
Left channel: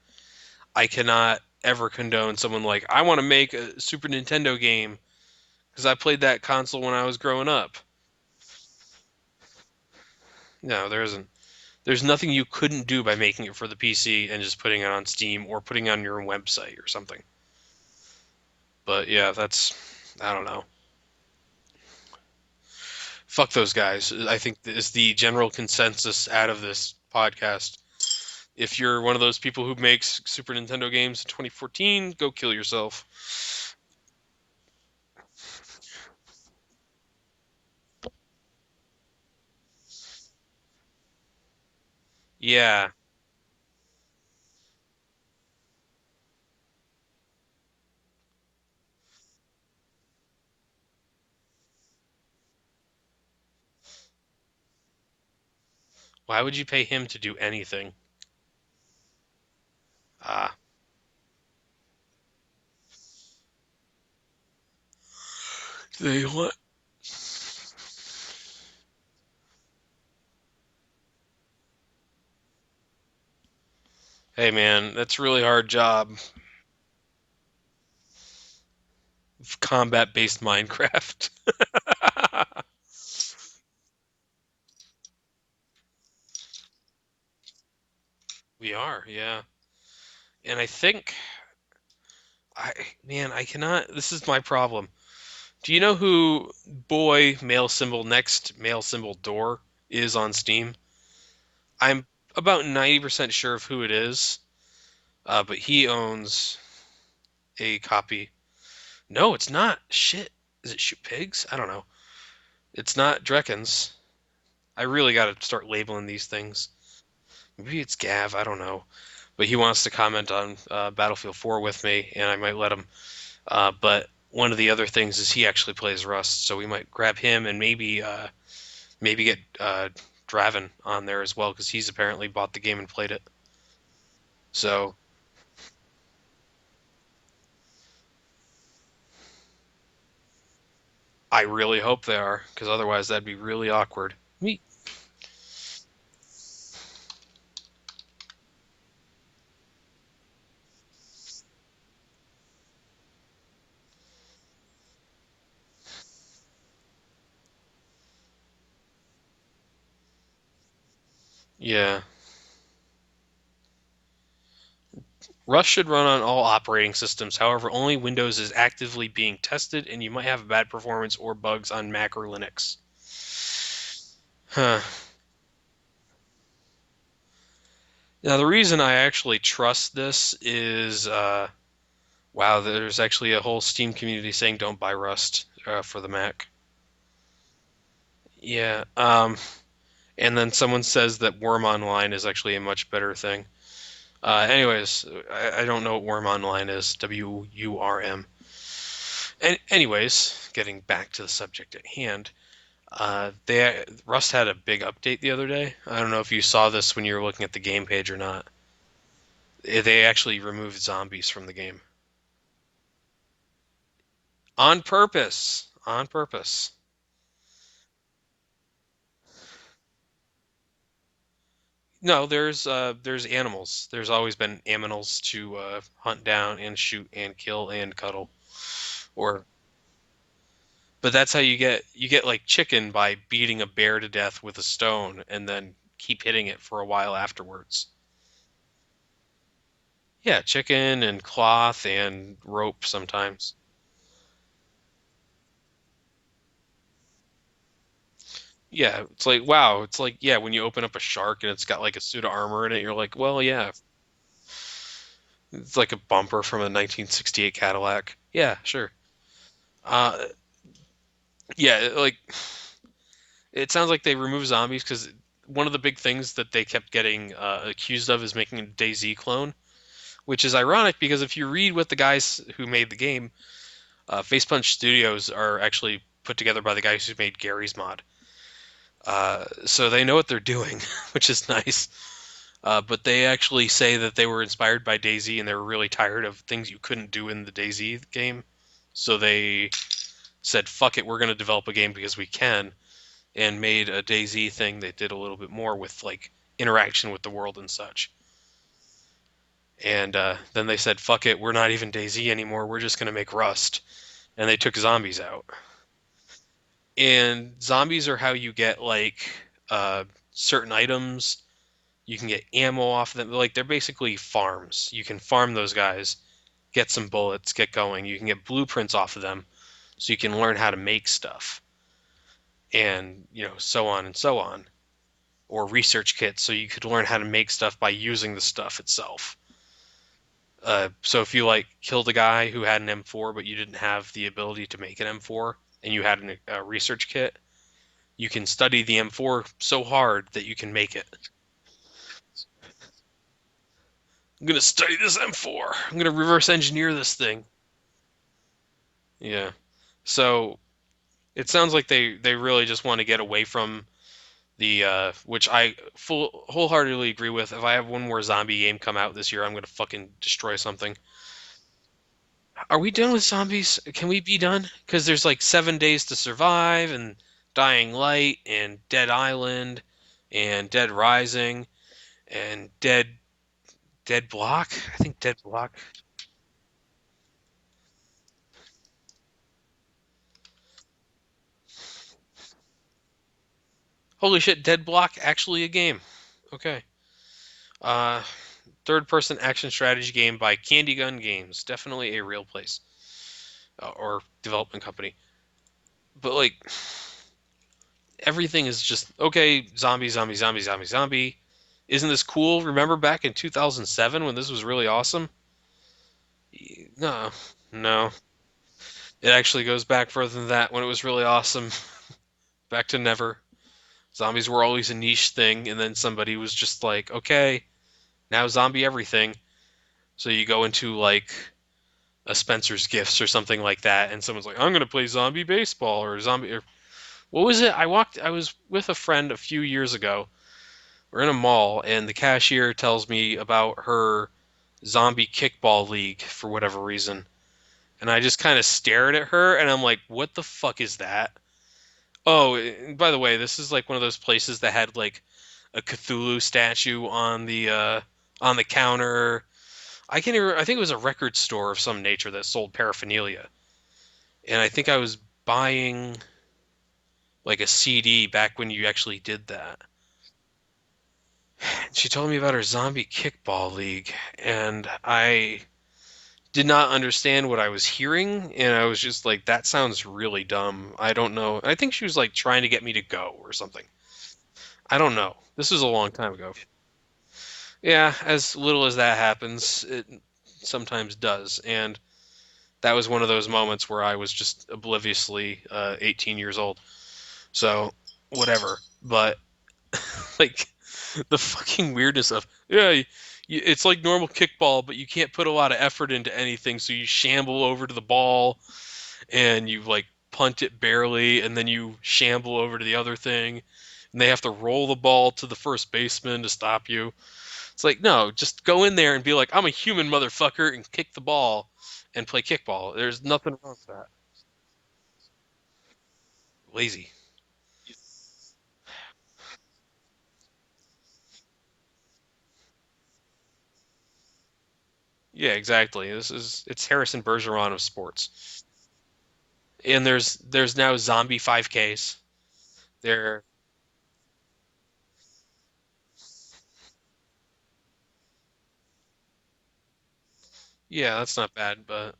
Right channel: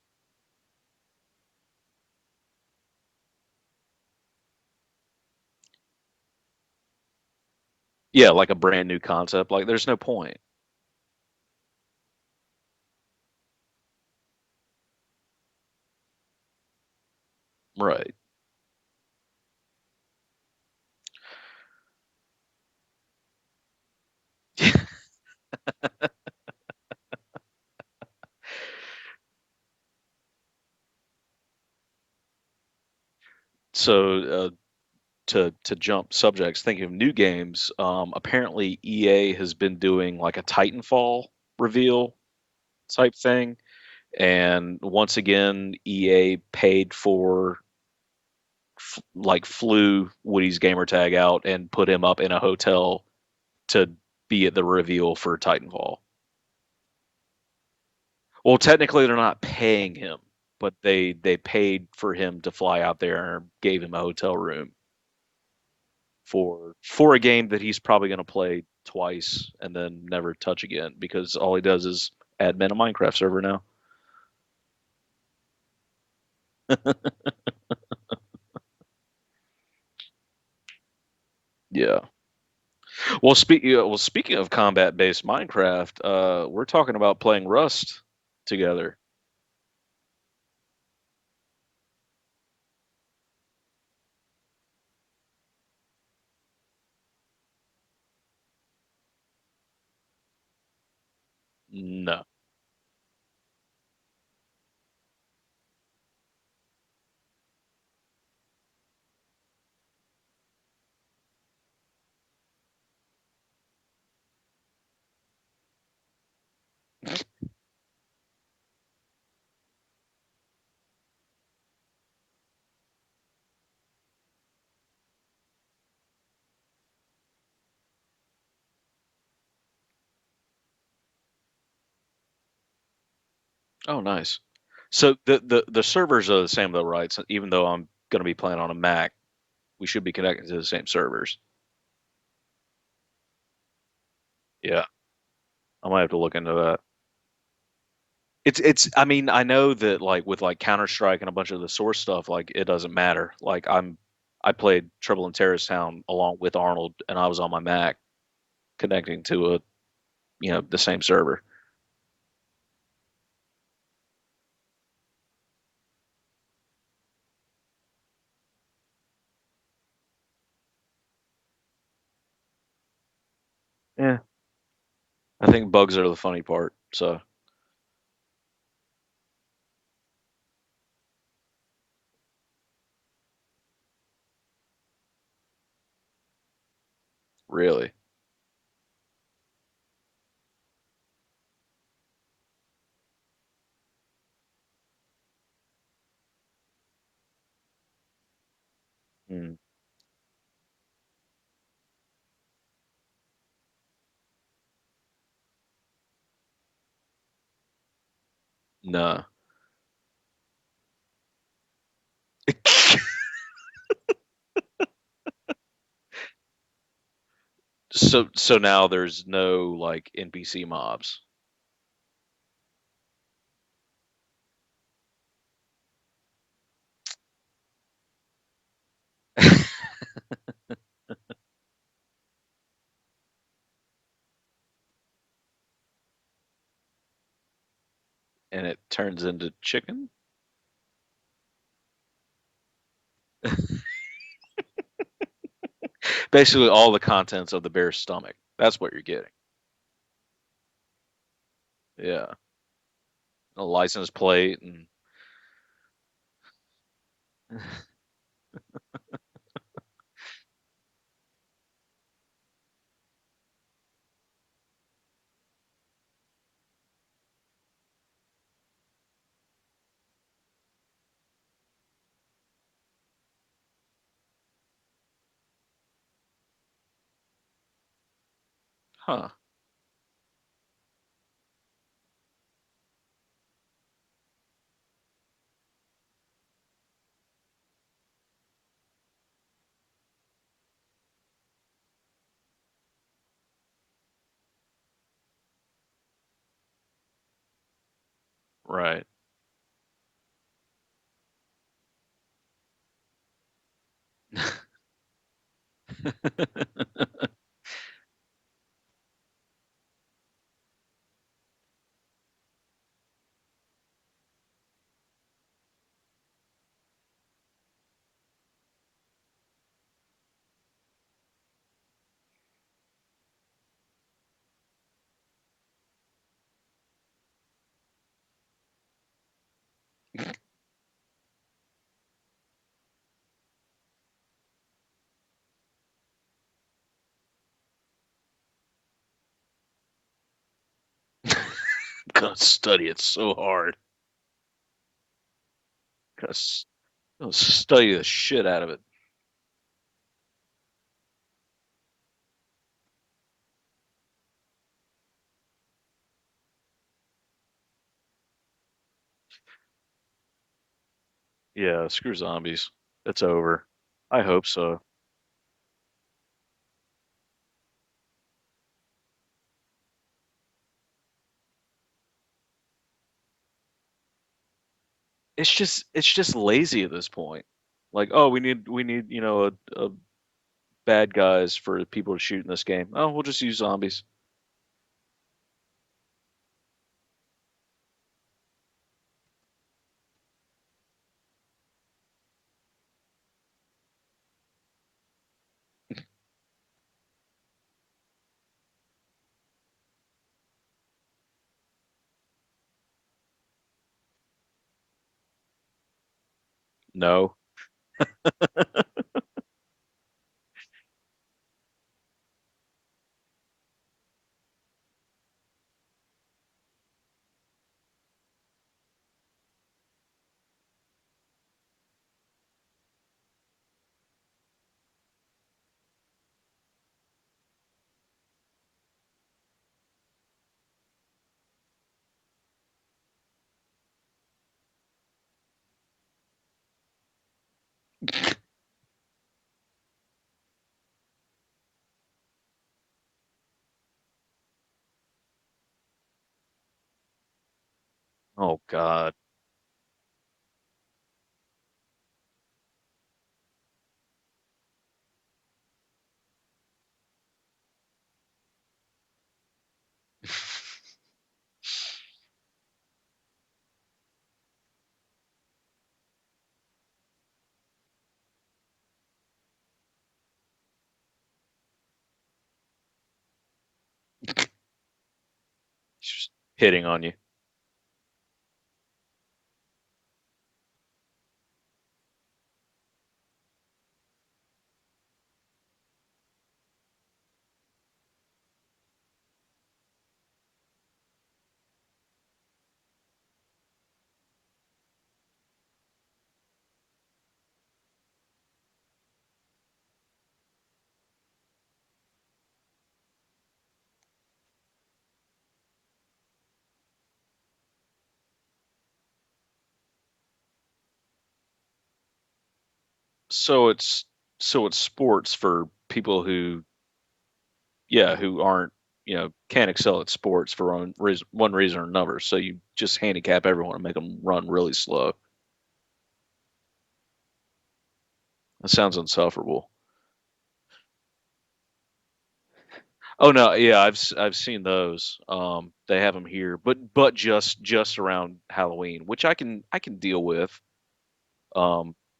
I cannot ever condone someone like, I want to make a Super Nintendo game because I played that console when I was growing up. Yeah, like a brand new concept. Like there's no point. No, there isn't. There's nothing you couldn't do by making it for the PC and just putting it on Steam or putting it on your own website or something. Right. But yeah, that's I don't know. Fuck those guys. I think is the general consensus out of this podcast. If you're one of those people who makes Super Nintendo games in 2014, go kill yourself. So to jump subjects, thinking of new games, apparently EA has been doing like a Titanfall reveal Yeah, type thing, and once again EA paid for like flew Woody's gamer tag out and put him up in a hotel to be at the reveal for Titanfall. why would you pay him to do anything? Well, technically they're not paying him, Ah, but they paid for him to fly out there and gave him a hotel room they want. for a game that he's probably going to play twice and then never touch again because all he does is admin a Minecraft server now. Hey man, that's a really hard job. Combat-based Minecraft. Yeah. Speaking of combat-based Minecraft, we're talking about playing Rust We together. are, yeah. And I think I man, I cannot. This is my problem. Do you know who boy male symbol next male symbol door is on Steam? I'm No. about 90% sure of who it is, but he owns a copy. No, it's not. Shit. Is it Shoot Pigs? I don't know. It's not Drekins. I really got to start labeling these things. Maybe it's Gav. I don't know. But he wants to comment on Battlefield 4 with me, and I might let him. But one of the other things is he actually plays Rust, so we might grab him and maybe get Draven on there as well because he's apparently bought the game and played it. Oh, nice. So So the servers are the same though, right? So even though I'm going to be playing on a Mac, we should be connected to the same servers. I really hope they are because otherwise that'd be really awkward. Me. Yeah, I might have to look into that. It's I mean, I know that like with like Counter-Strike and a bunch of the Source stuff, like it doesn't matter. I played Trouble in Terrorist Town along with Arnold, and I was on my Mac connecting to a the same server. Yeah. Rust should run on all operating systems. However, only Windows is actively being tested, and you might have bad performance or bugs on Mac or Linux. Yeah, Huh. I think bugs are the funny part. So Now, the reason I actually trust this is, wow, there's actually a whole Steam community saying don't buy Rust for the Mac. really, Yeah. And then someone says that Worm Online is actually a much better thing. Anyways, I don't know what Worm Online is. WURM. mm, Anyways, getting back to the subject at hand, they Rust had a big update the other day. I don't know if you saw this when you were looking at the game page or not. no. They actually removed zombies from the game on purpose. On purpose. So now there's no like NPC mobs. No, there's animals. There's always been aminals to hunt down and shoot and kill and cuddle. Or but that's how you get like chicken by beating a bear to death with a stone and then keep hitting it for a while afterwards. And it turns into chicken. Yeah, chicken and cloth and rope sometimes. Basically, all the contents of the bear's stomach. That's what Yeah, you it's get. like wow, it's like yeah, when you open up a shark and it's got like a suit Yeah, of armor in it, you're like, well, a yeah, license plate. And... it's like a bumper from a 1968 Cadillac. Yeah, sure. Uh, yeah, like it sounds like they removed zombies because one of the big things that they kept getting accused of is making a DayZ clone, which is ironic because if you read what the guys who made the game, Face Punch Studios are actually put together by the guys who made Gary's mod. Huh. So they know what they're doing, which is nice. But they actually say that they were inspired by DayZ and they were really tired of things you couldn't do in the DayZ game. So they said, fuck it, we're going to develop a game because we can, and made a DayZ thing that did a little bit more with like interaction with the world and such. Right. And then they said, fuck it, we're not even DayZ anymore, we're just going to make Rust. And they took zombies out. And zombies are how you get like certain items. You can get ammo off of them. Like they're basically farms. You can farm those guys, get some bullets, get going. You can get blueprints off of them, so you can learn how to make stuff, and so on and so on. Or research kits, so you could learn how to make stuff by using the stuff itself. So if you like killed a guy who had an M4, but you didn't have the ability to make an M4, and you had a research kit, you can study the M4 so hard that you can make it. Gonna study it so hard. I'm gonna study this M4. I'm gonna reverse engineer this Gonna thing. study the shit out of it. Yeah. So it sounds like they really just want to get away from the which I wholeheartedly agree with. If I have one more zombie game come out this year, I'm gonna fucking destroy something. Yeah, screw zombies. Are we done with It's over. zombies? Can we I be hope done? so. Because there's like 7 days to survive and Dying Light and Dead Island and Dead Rising and Dead Block. I think Dead Block. It's just lazy at this point. Like, oh, we need a bad guys for people to shoot in this game. Oh, we'll just use zombies. Holy shit, Dead Block actually a game. Okay. Uh, third-person action strategy game by Candy Gun Games. Definitely a real place or development company. But like everything is just okay. Zombie, zombie, zombie, zombie, zombie. Isn't this cool? Remember back in 2007 when this was really awesome? No, No. no. It actually goes back further than that when it was really awesome. Back to never. Zombies were always a niche thing, and then somebody was just like, okay, now zombie everything. So you go into like a Spencer's Gifts or something like that, and someone's like, I'm gonna play zombie baseball or zombie. Or, what was it? I was with a friend a few years ago. We're in a mall, and the cashier tells me about her zombie kickball league for whatever reason. And I just kind of stared at her, and I'm like, what the fuck is that? Oh, and by the way, this is like one of those places that had like a Cthulhu statue on Oh the God. counter. I can't even, I think it was a record store of some nature that sold paraphernalia. And I think I was buying like a CD back when you actually did that. She told me about her zombie kickball league, and I did not understand what I was hearing, and I was just like, that sounds really dumb. I don't know. I think she was like trying to get me to go or something. I don't know. This was a long Just time ago. hitting on you. Yeah, as little as that happens, it sometimes does. And that was one of those moments where I was just obliviously 18 years old. So, whatever. But, like, the fucking weirdness of, yeah, it's like normal kickball, but you can't put a lot of effort into anything. So you shamble over to the ball and you, like, punt it barely, and then you shamble over to the other thing. And they have to roll the ball to the first baseman to stop you. It's like, no, just go in there and be like, I'm a human motherfucker and kick the ball and play kickball. There's nothing So wrong with it's that. so it's sports for people who, Lazy. yeah, who aren't, can't excel at sports for one reason or another. So you just handicap everyone and make them run really slow. Yeah, exactly. It's Harrison Bergeron of sports. That sounds insufferable. And there's now zombie 5Ks. Oh There, no, yeah, I've seen those. They have them here, but just around Halloween, which I can deal with. yeah, that's not bad, Um, but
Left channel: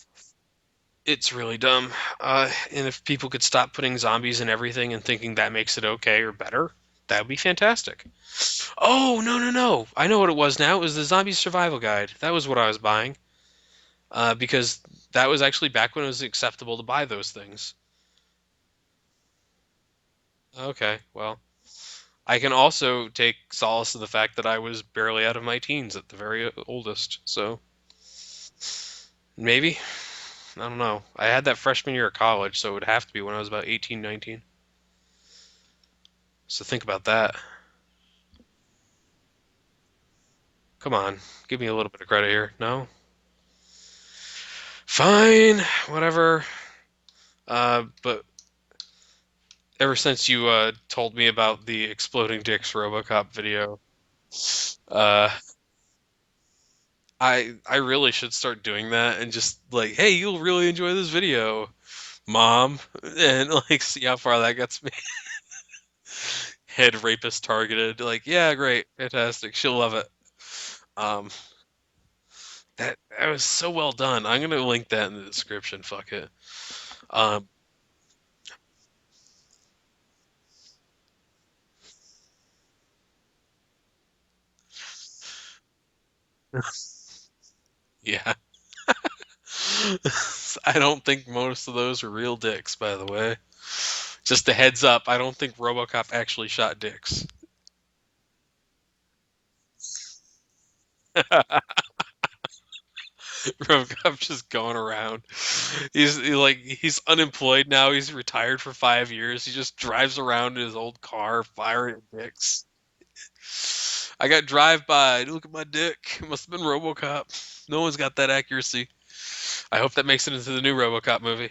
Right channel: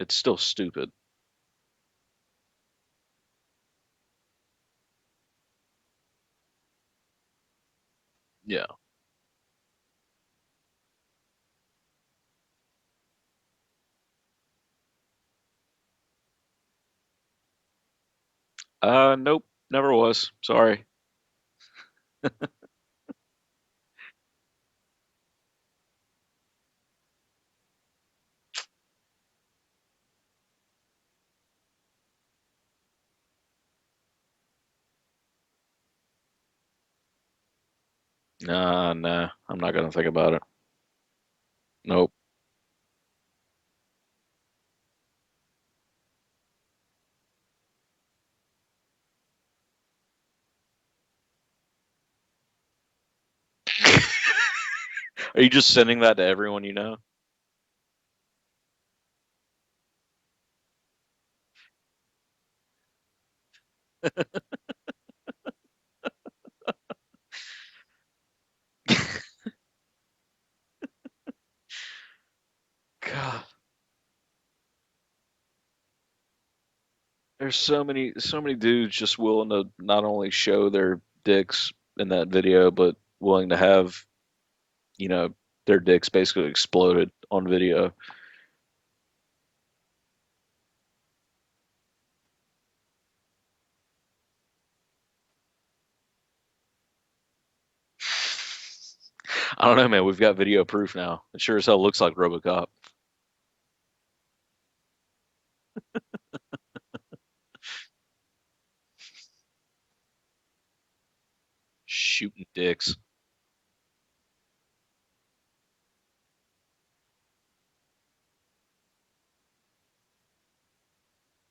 it's still stupid. it's really dumb. And if people could stop putting zombies in everything and thinking that makes it okay or better, that would be fantastic. Yeah. Oh, no, no, no. I know what it was now. It was the Zombie Survival Guide. That was what I was buying. Because that was actually back when it was acceptable to buy those things. Nope, never was. Sorry. Okay, well, I can also take solace in the fact that I was barely out of my teens at the very oldest. So maybe, I don't know. I had that freshman year of college, so it would have to be when I was about 18, 19. So think about that. Nah, I'm not gonna think about it. Come on, give me a little bit of Nope. credit here. No? Fine, whatever. But ever since you told me about the Exploding Dicks RoboCop video, uh, Are you just sending that to everyone you know? I really should start doing that and just like, hey, you'll really enjoy this video, mom, and like see how far that gets me. Head rapist targeted. Like, yeah, great, fantastic, she'll love it. Um, that God, was so well done. I'm gonna link that in the description. Fuck it. Um, there's so many dudes just willing to not only show their dicks in that video, but willing to have, you know, their dicks basically exploded on video. yeah. I don't think most of those are real dicks, by the way. Just a heads up, I don't think RoboCop actually shot dicks. I don't know, man. We've got video proof now. It sure as hell looks like RoboCop. RoboCop just going around. He's unemployed now. He's retired for 5 years. He just drives around in his old car firing at Shooting dicks. dicks. I got drive by. Look at my dick. It must have been RoboCop. No one's got that accuracy. I hope that makes it into the new RoboCop movie.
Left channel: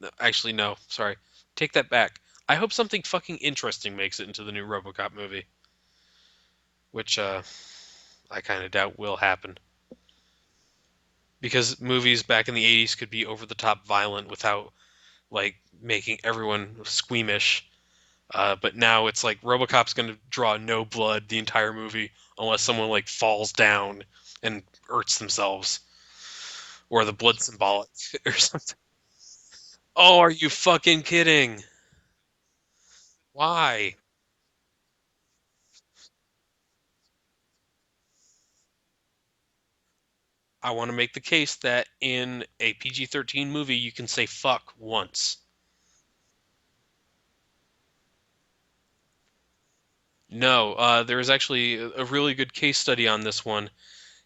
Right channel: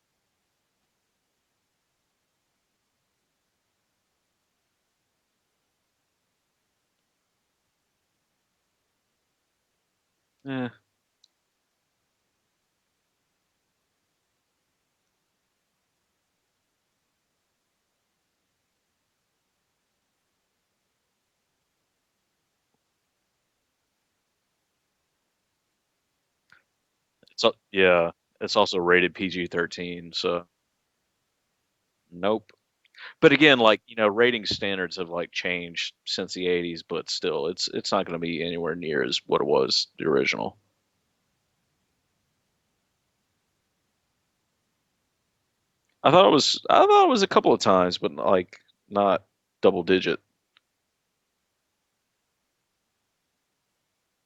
No, actually, no. Sorry. Take that back. I hope something fucking interesting makes it into the new RoboCop movie, which I kind of doubt will happen Eh, because movies back in the 80s could be over the top violent without like making everyone squeamish. But now it's like RoboCop's going to draw no blood the entire movie unless someone like falls down and hurts themselves, or the blood So symbolic yeah, or it's something. also rated PG-13. Oh, are So you fucking kidding? nope. But again, like Why? rating standards have like changed since the '80s, but still, it's not going to be anywhere near as what it was the original. I want to make the case that in a PG-13 movie you can say fuck once. I thought it was a couple of times, but like not double digit. No, there is actually a really good case study on this one.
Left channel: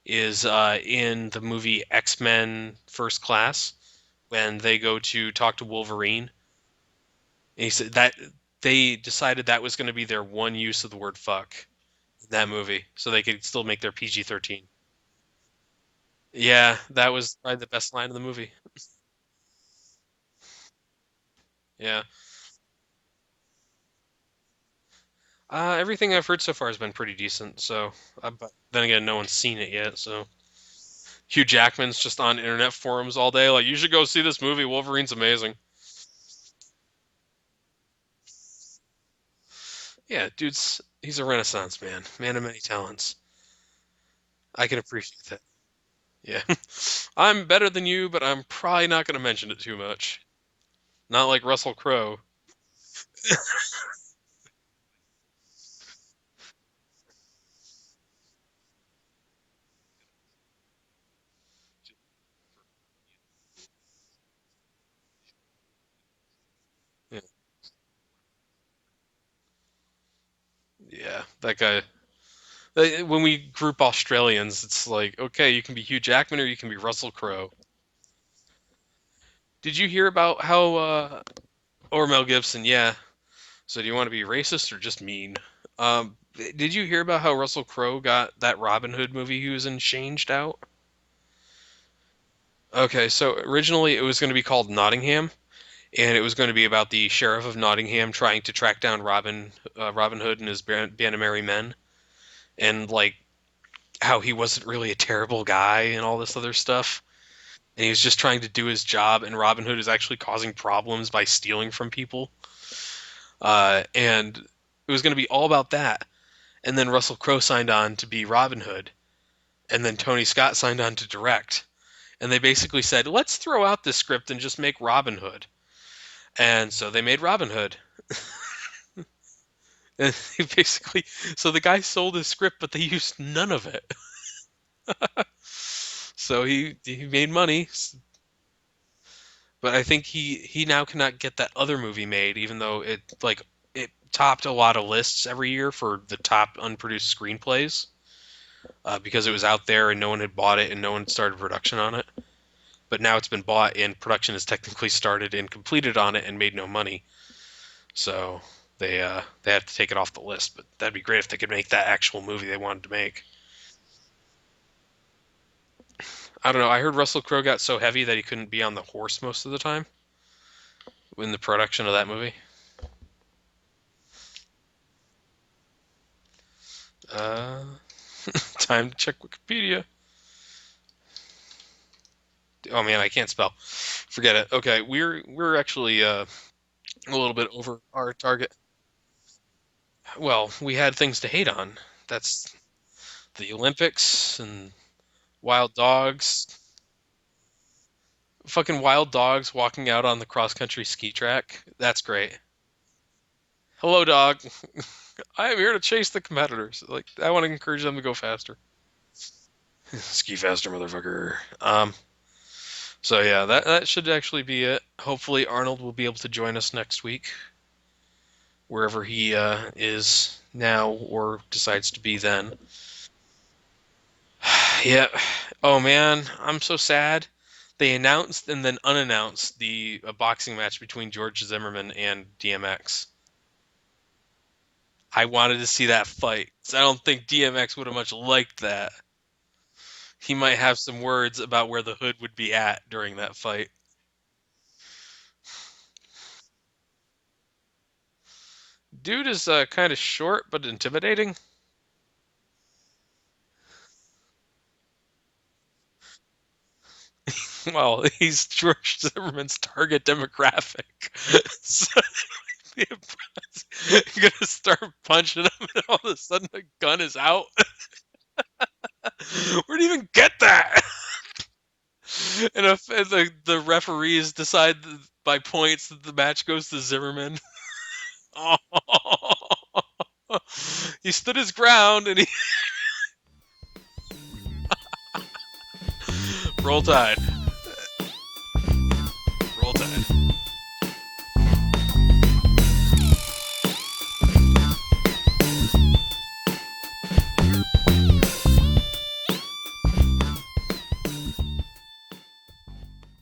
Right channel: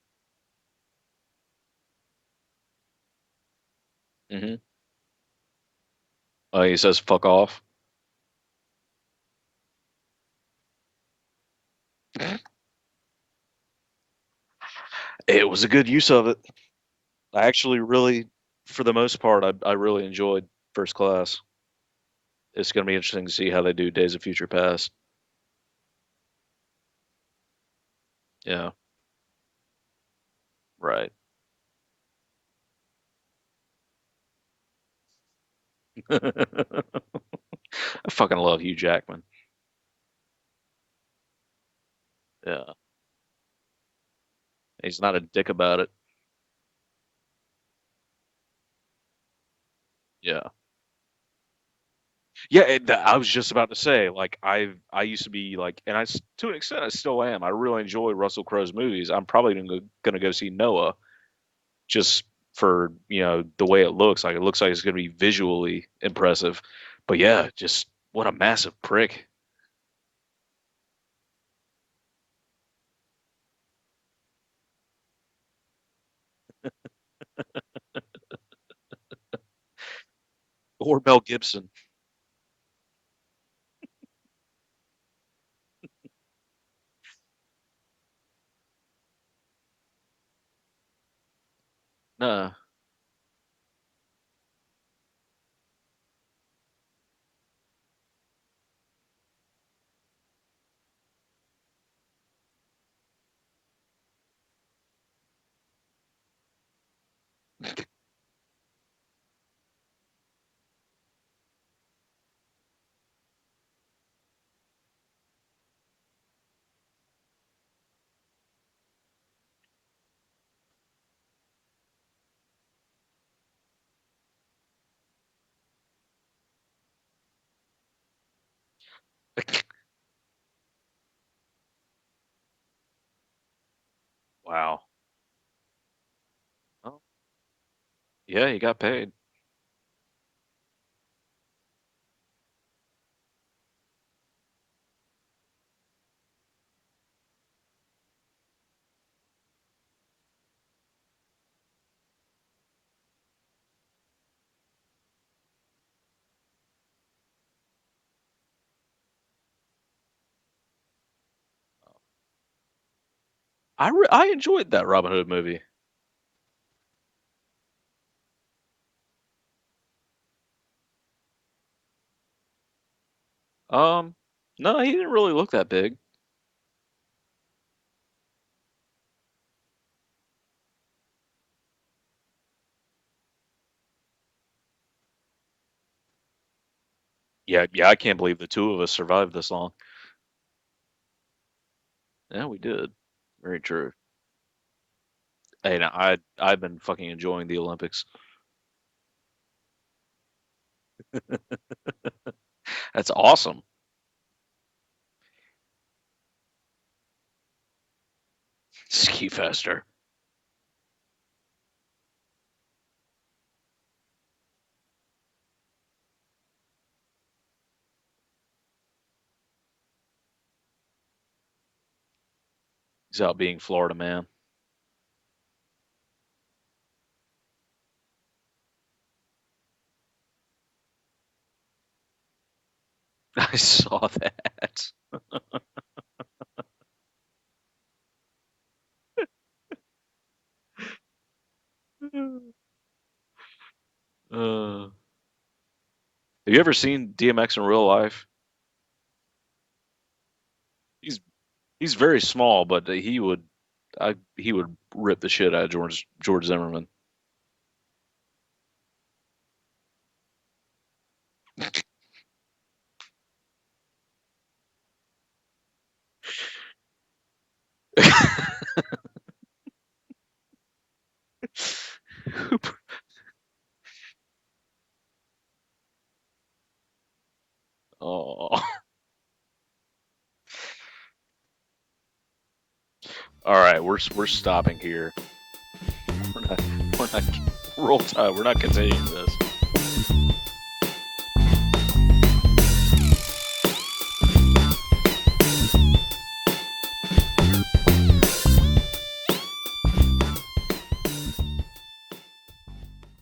Is in the movie X-Men First Class Hmm. when they go to talk to Wolverine. He says "fuck off." And he said that they decided that was going to be their one use of the word fuck in that movie, so they could still make their PG-13. It was a good use of it. Yeah, that was I probably the actually best line in the really, movie. for the most part, I really enjoyed First Class. Yeah. It's going to be interesting to see how they do Days of Future Past. Everything I've heard so far has been pretty decent. So, but Yeah, then again, no one's seen it yet. So right. Hugh Jackman's just on internet forums all day, like you should go see this movie. Wolverine's amazing. I fucking love Hugh Jackman. Yeah, he's a renaissance man, man of many Yeah, talents. I can he's not a appreciate that. dick about it. Yeah, I'm better than you, but I'm probably not going to mention it too much. Yeah, Not like Russell Crowe. yeah. I was just about to say, like, I used to be like, and to an extent I still am. I really enjoy Russell Crowe's movies. I'm probably gonna go see Noah just for the way it looks. Like it looks like it's gonna be visually impressive. But yeah, just what a massive prick. Yeah, that guy. When we group Australians, it's like, okay, you can be Hugh Jackman or you can be Russell Crowe. Did you hear about how, Or Mel Gibson. or Mel Gibson? Yeah. So do you want to be racist or just mean? Did you hear about how Russell Crowe got that Robin Hood movie he was in changed out? Nah. Okay, so originally it was going to be called Nottingham, and it was going to be about the sheriff of Nottingham trying to track down Robin Hood and his band of merry men, and like how he wasn't really a terrible guy and all this other stuff, and he was just trying to do his job, and Robin Hood is actually causing problems by stealing from people, and it was going to be all about that. And then Russell Crowe signed on to be Robin Hood, and then Tony Scott signed on to direct, and they basically said, let's throw out this script and just make Robin Hood. And so they made Robin Hood. And they basically, so the guy sold his script, but they used none of it. Wow. So he Oh, he made money, yeah, he got paid. but I think he now cannot get that other movie made, even though it topped a lot of lists every year for the top unproduced screenplays, because it was out there and no one had bought it and no one started production on it. But now it's been bought and production has technically started and completed on it and made no money. So they have to take it off the list. But that'd be great if they could make that actual movie they wanted to make. I enjoyed that Robin Hood movie. I don't know. I heard Russell Crowe got so heavy that he couldn't be on the horse most of the time in the production of that movie. Um, no, he didn't really look that big. Uh, time to check Wikipedia. Oh man, I can't spell. Forget it. Okay, we're actually a little bit Yeah, over yeah, I our can't believe the target. two of us survived this long. Well, we had things to hate on. Yeah, That's we did. the Very true. Olympics and wild Hey, now dogs. I've been fucking enjoying the Olympics. Fucking wild dogs walking out on the cross country ski track. That's great. That's awesome. Hello, dog. I am here to chase the competitors. Like, I want to encourage them to go faster. Ski faster. Ski faster, motherfucker. So yeah, that should actually be it. Hopefully, Arnold will be able to join us next week, wherever he is now or decides to be then. He's out being Florida man. Yeah. Oh man, I'm so sad. They announced and then unannounced the boxing match between George Zimmerman and DMX. I saw that. I wanted to see that fight. So I don't think DMX would have much liked that. He might have some words about where the hood would be at during that fight. Have you ever seen DMX in real life? Dude is kind of short but He's intimidating. he's very small, but he would rip the shit out of George Zimmerman. Well, he's George Zimmerman's target demographic. You're gonna start punching him, and all of a sudden the gun is out. Where do you even get that? And if the referees decide by points that the match goes to Zimmerman. Oh. He stood his ground and he All right, we're stopping here. roll tide. Roll Tide. We're not continuing this.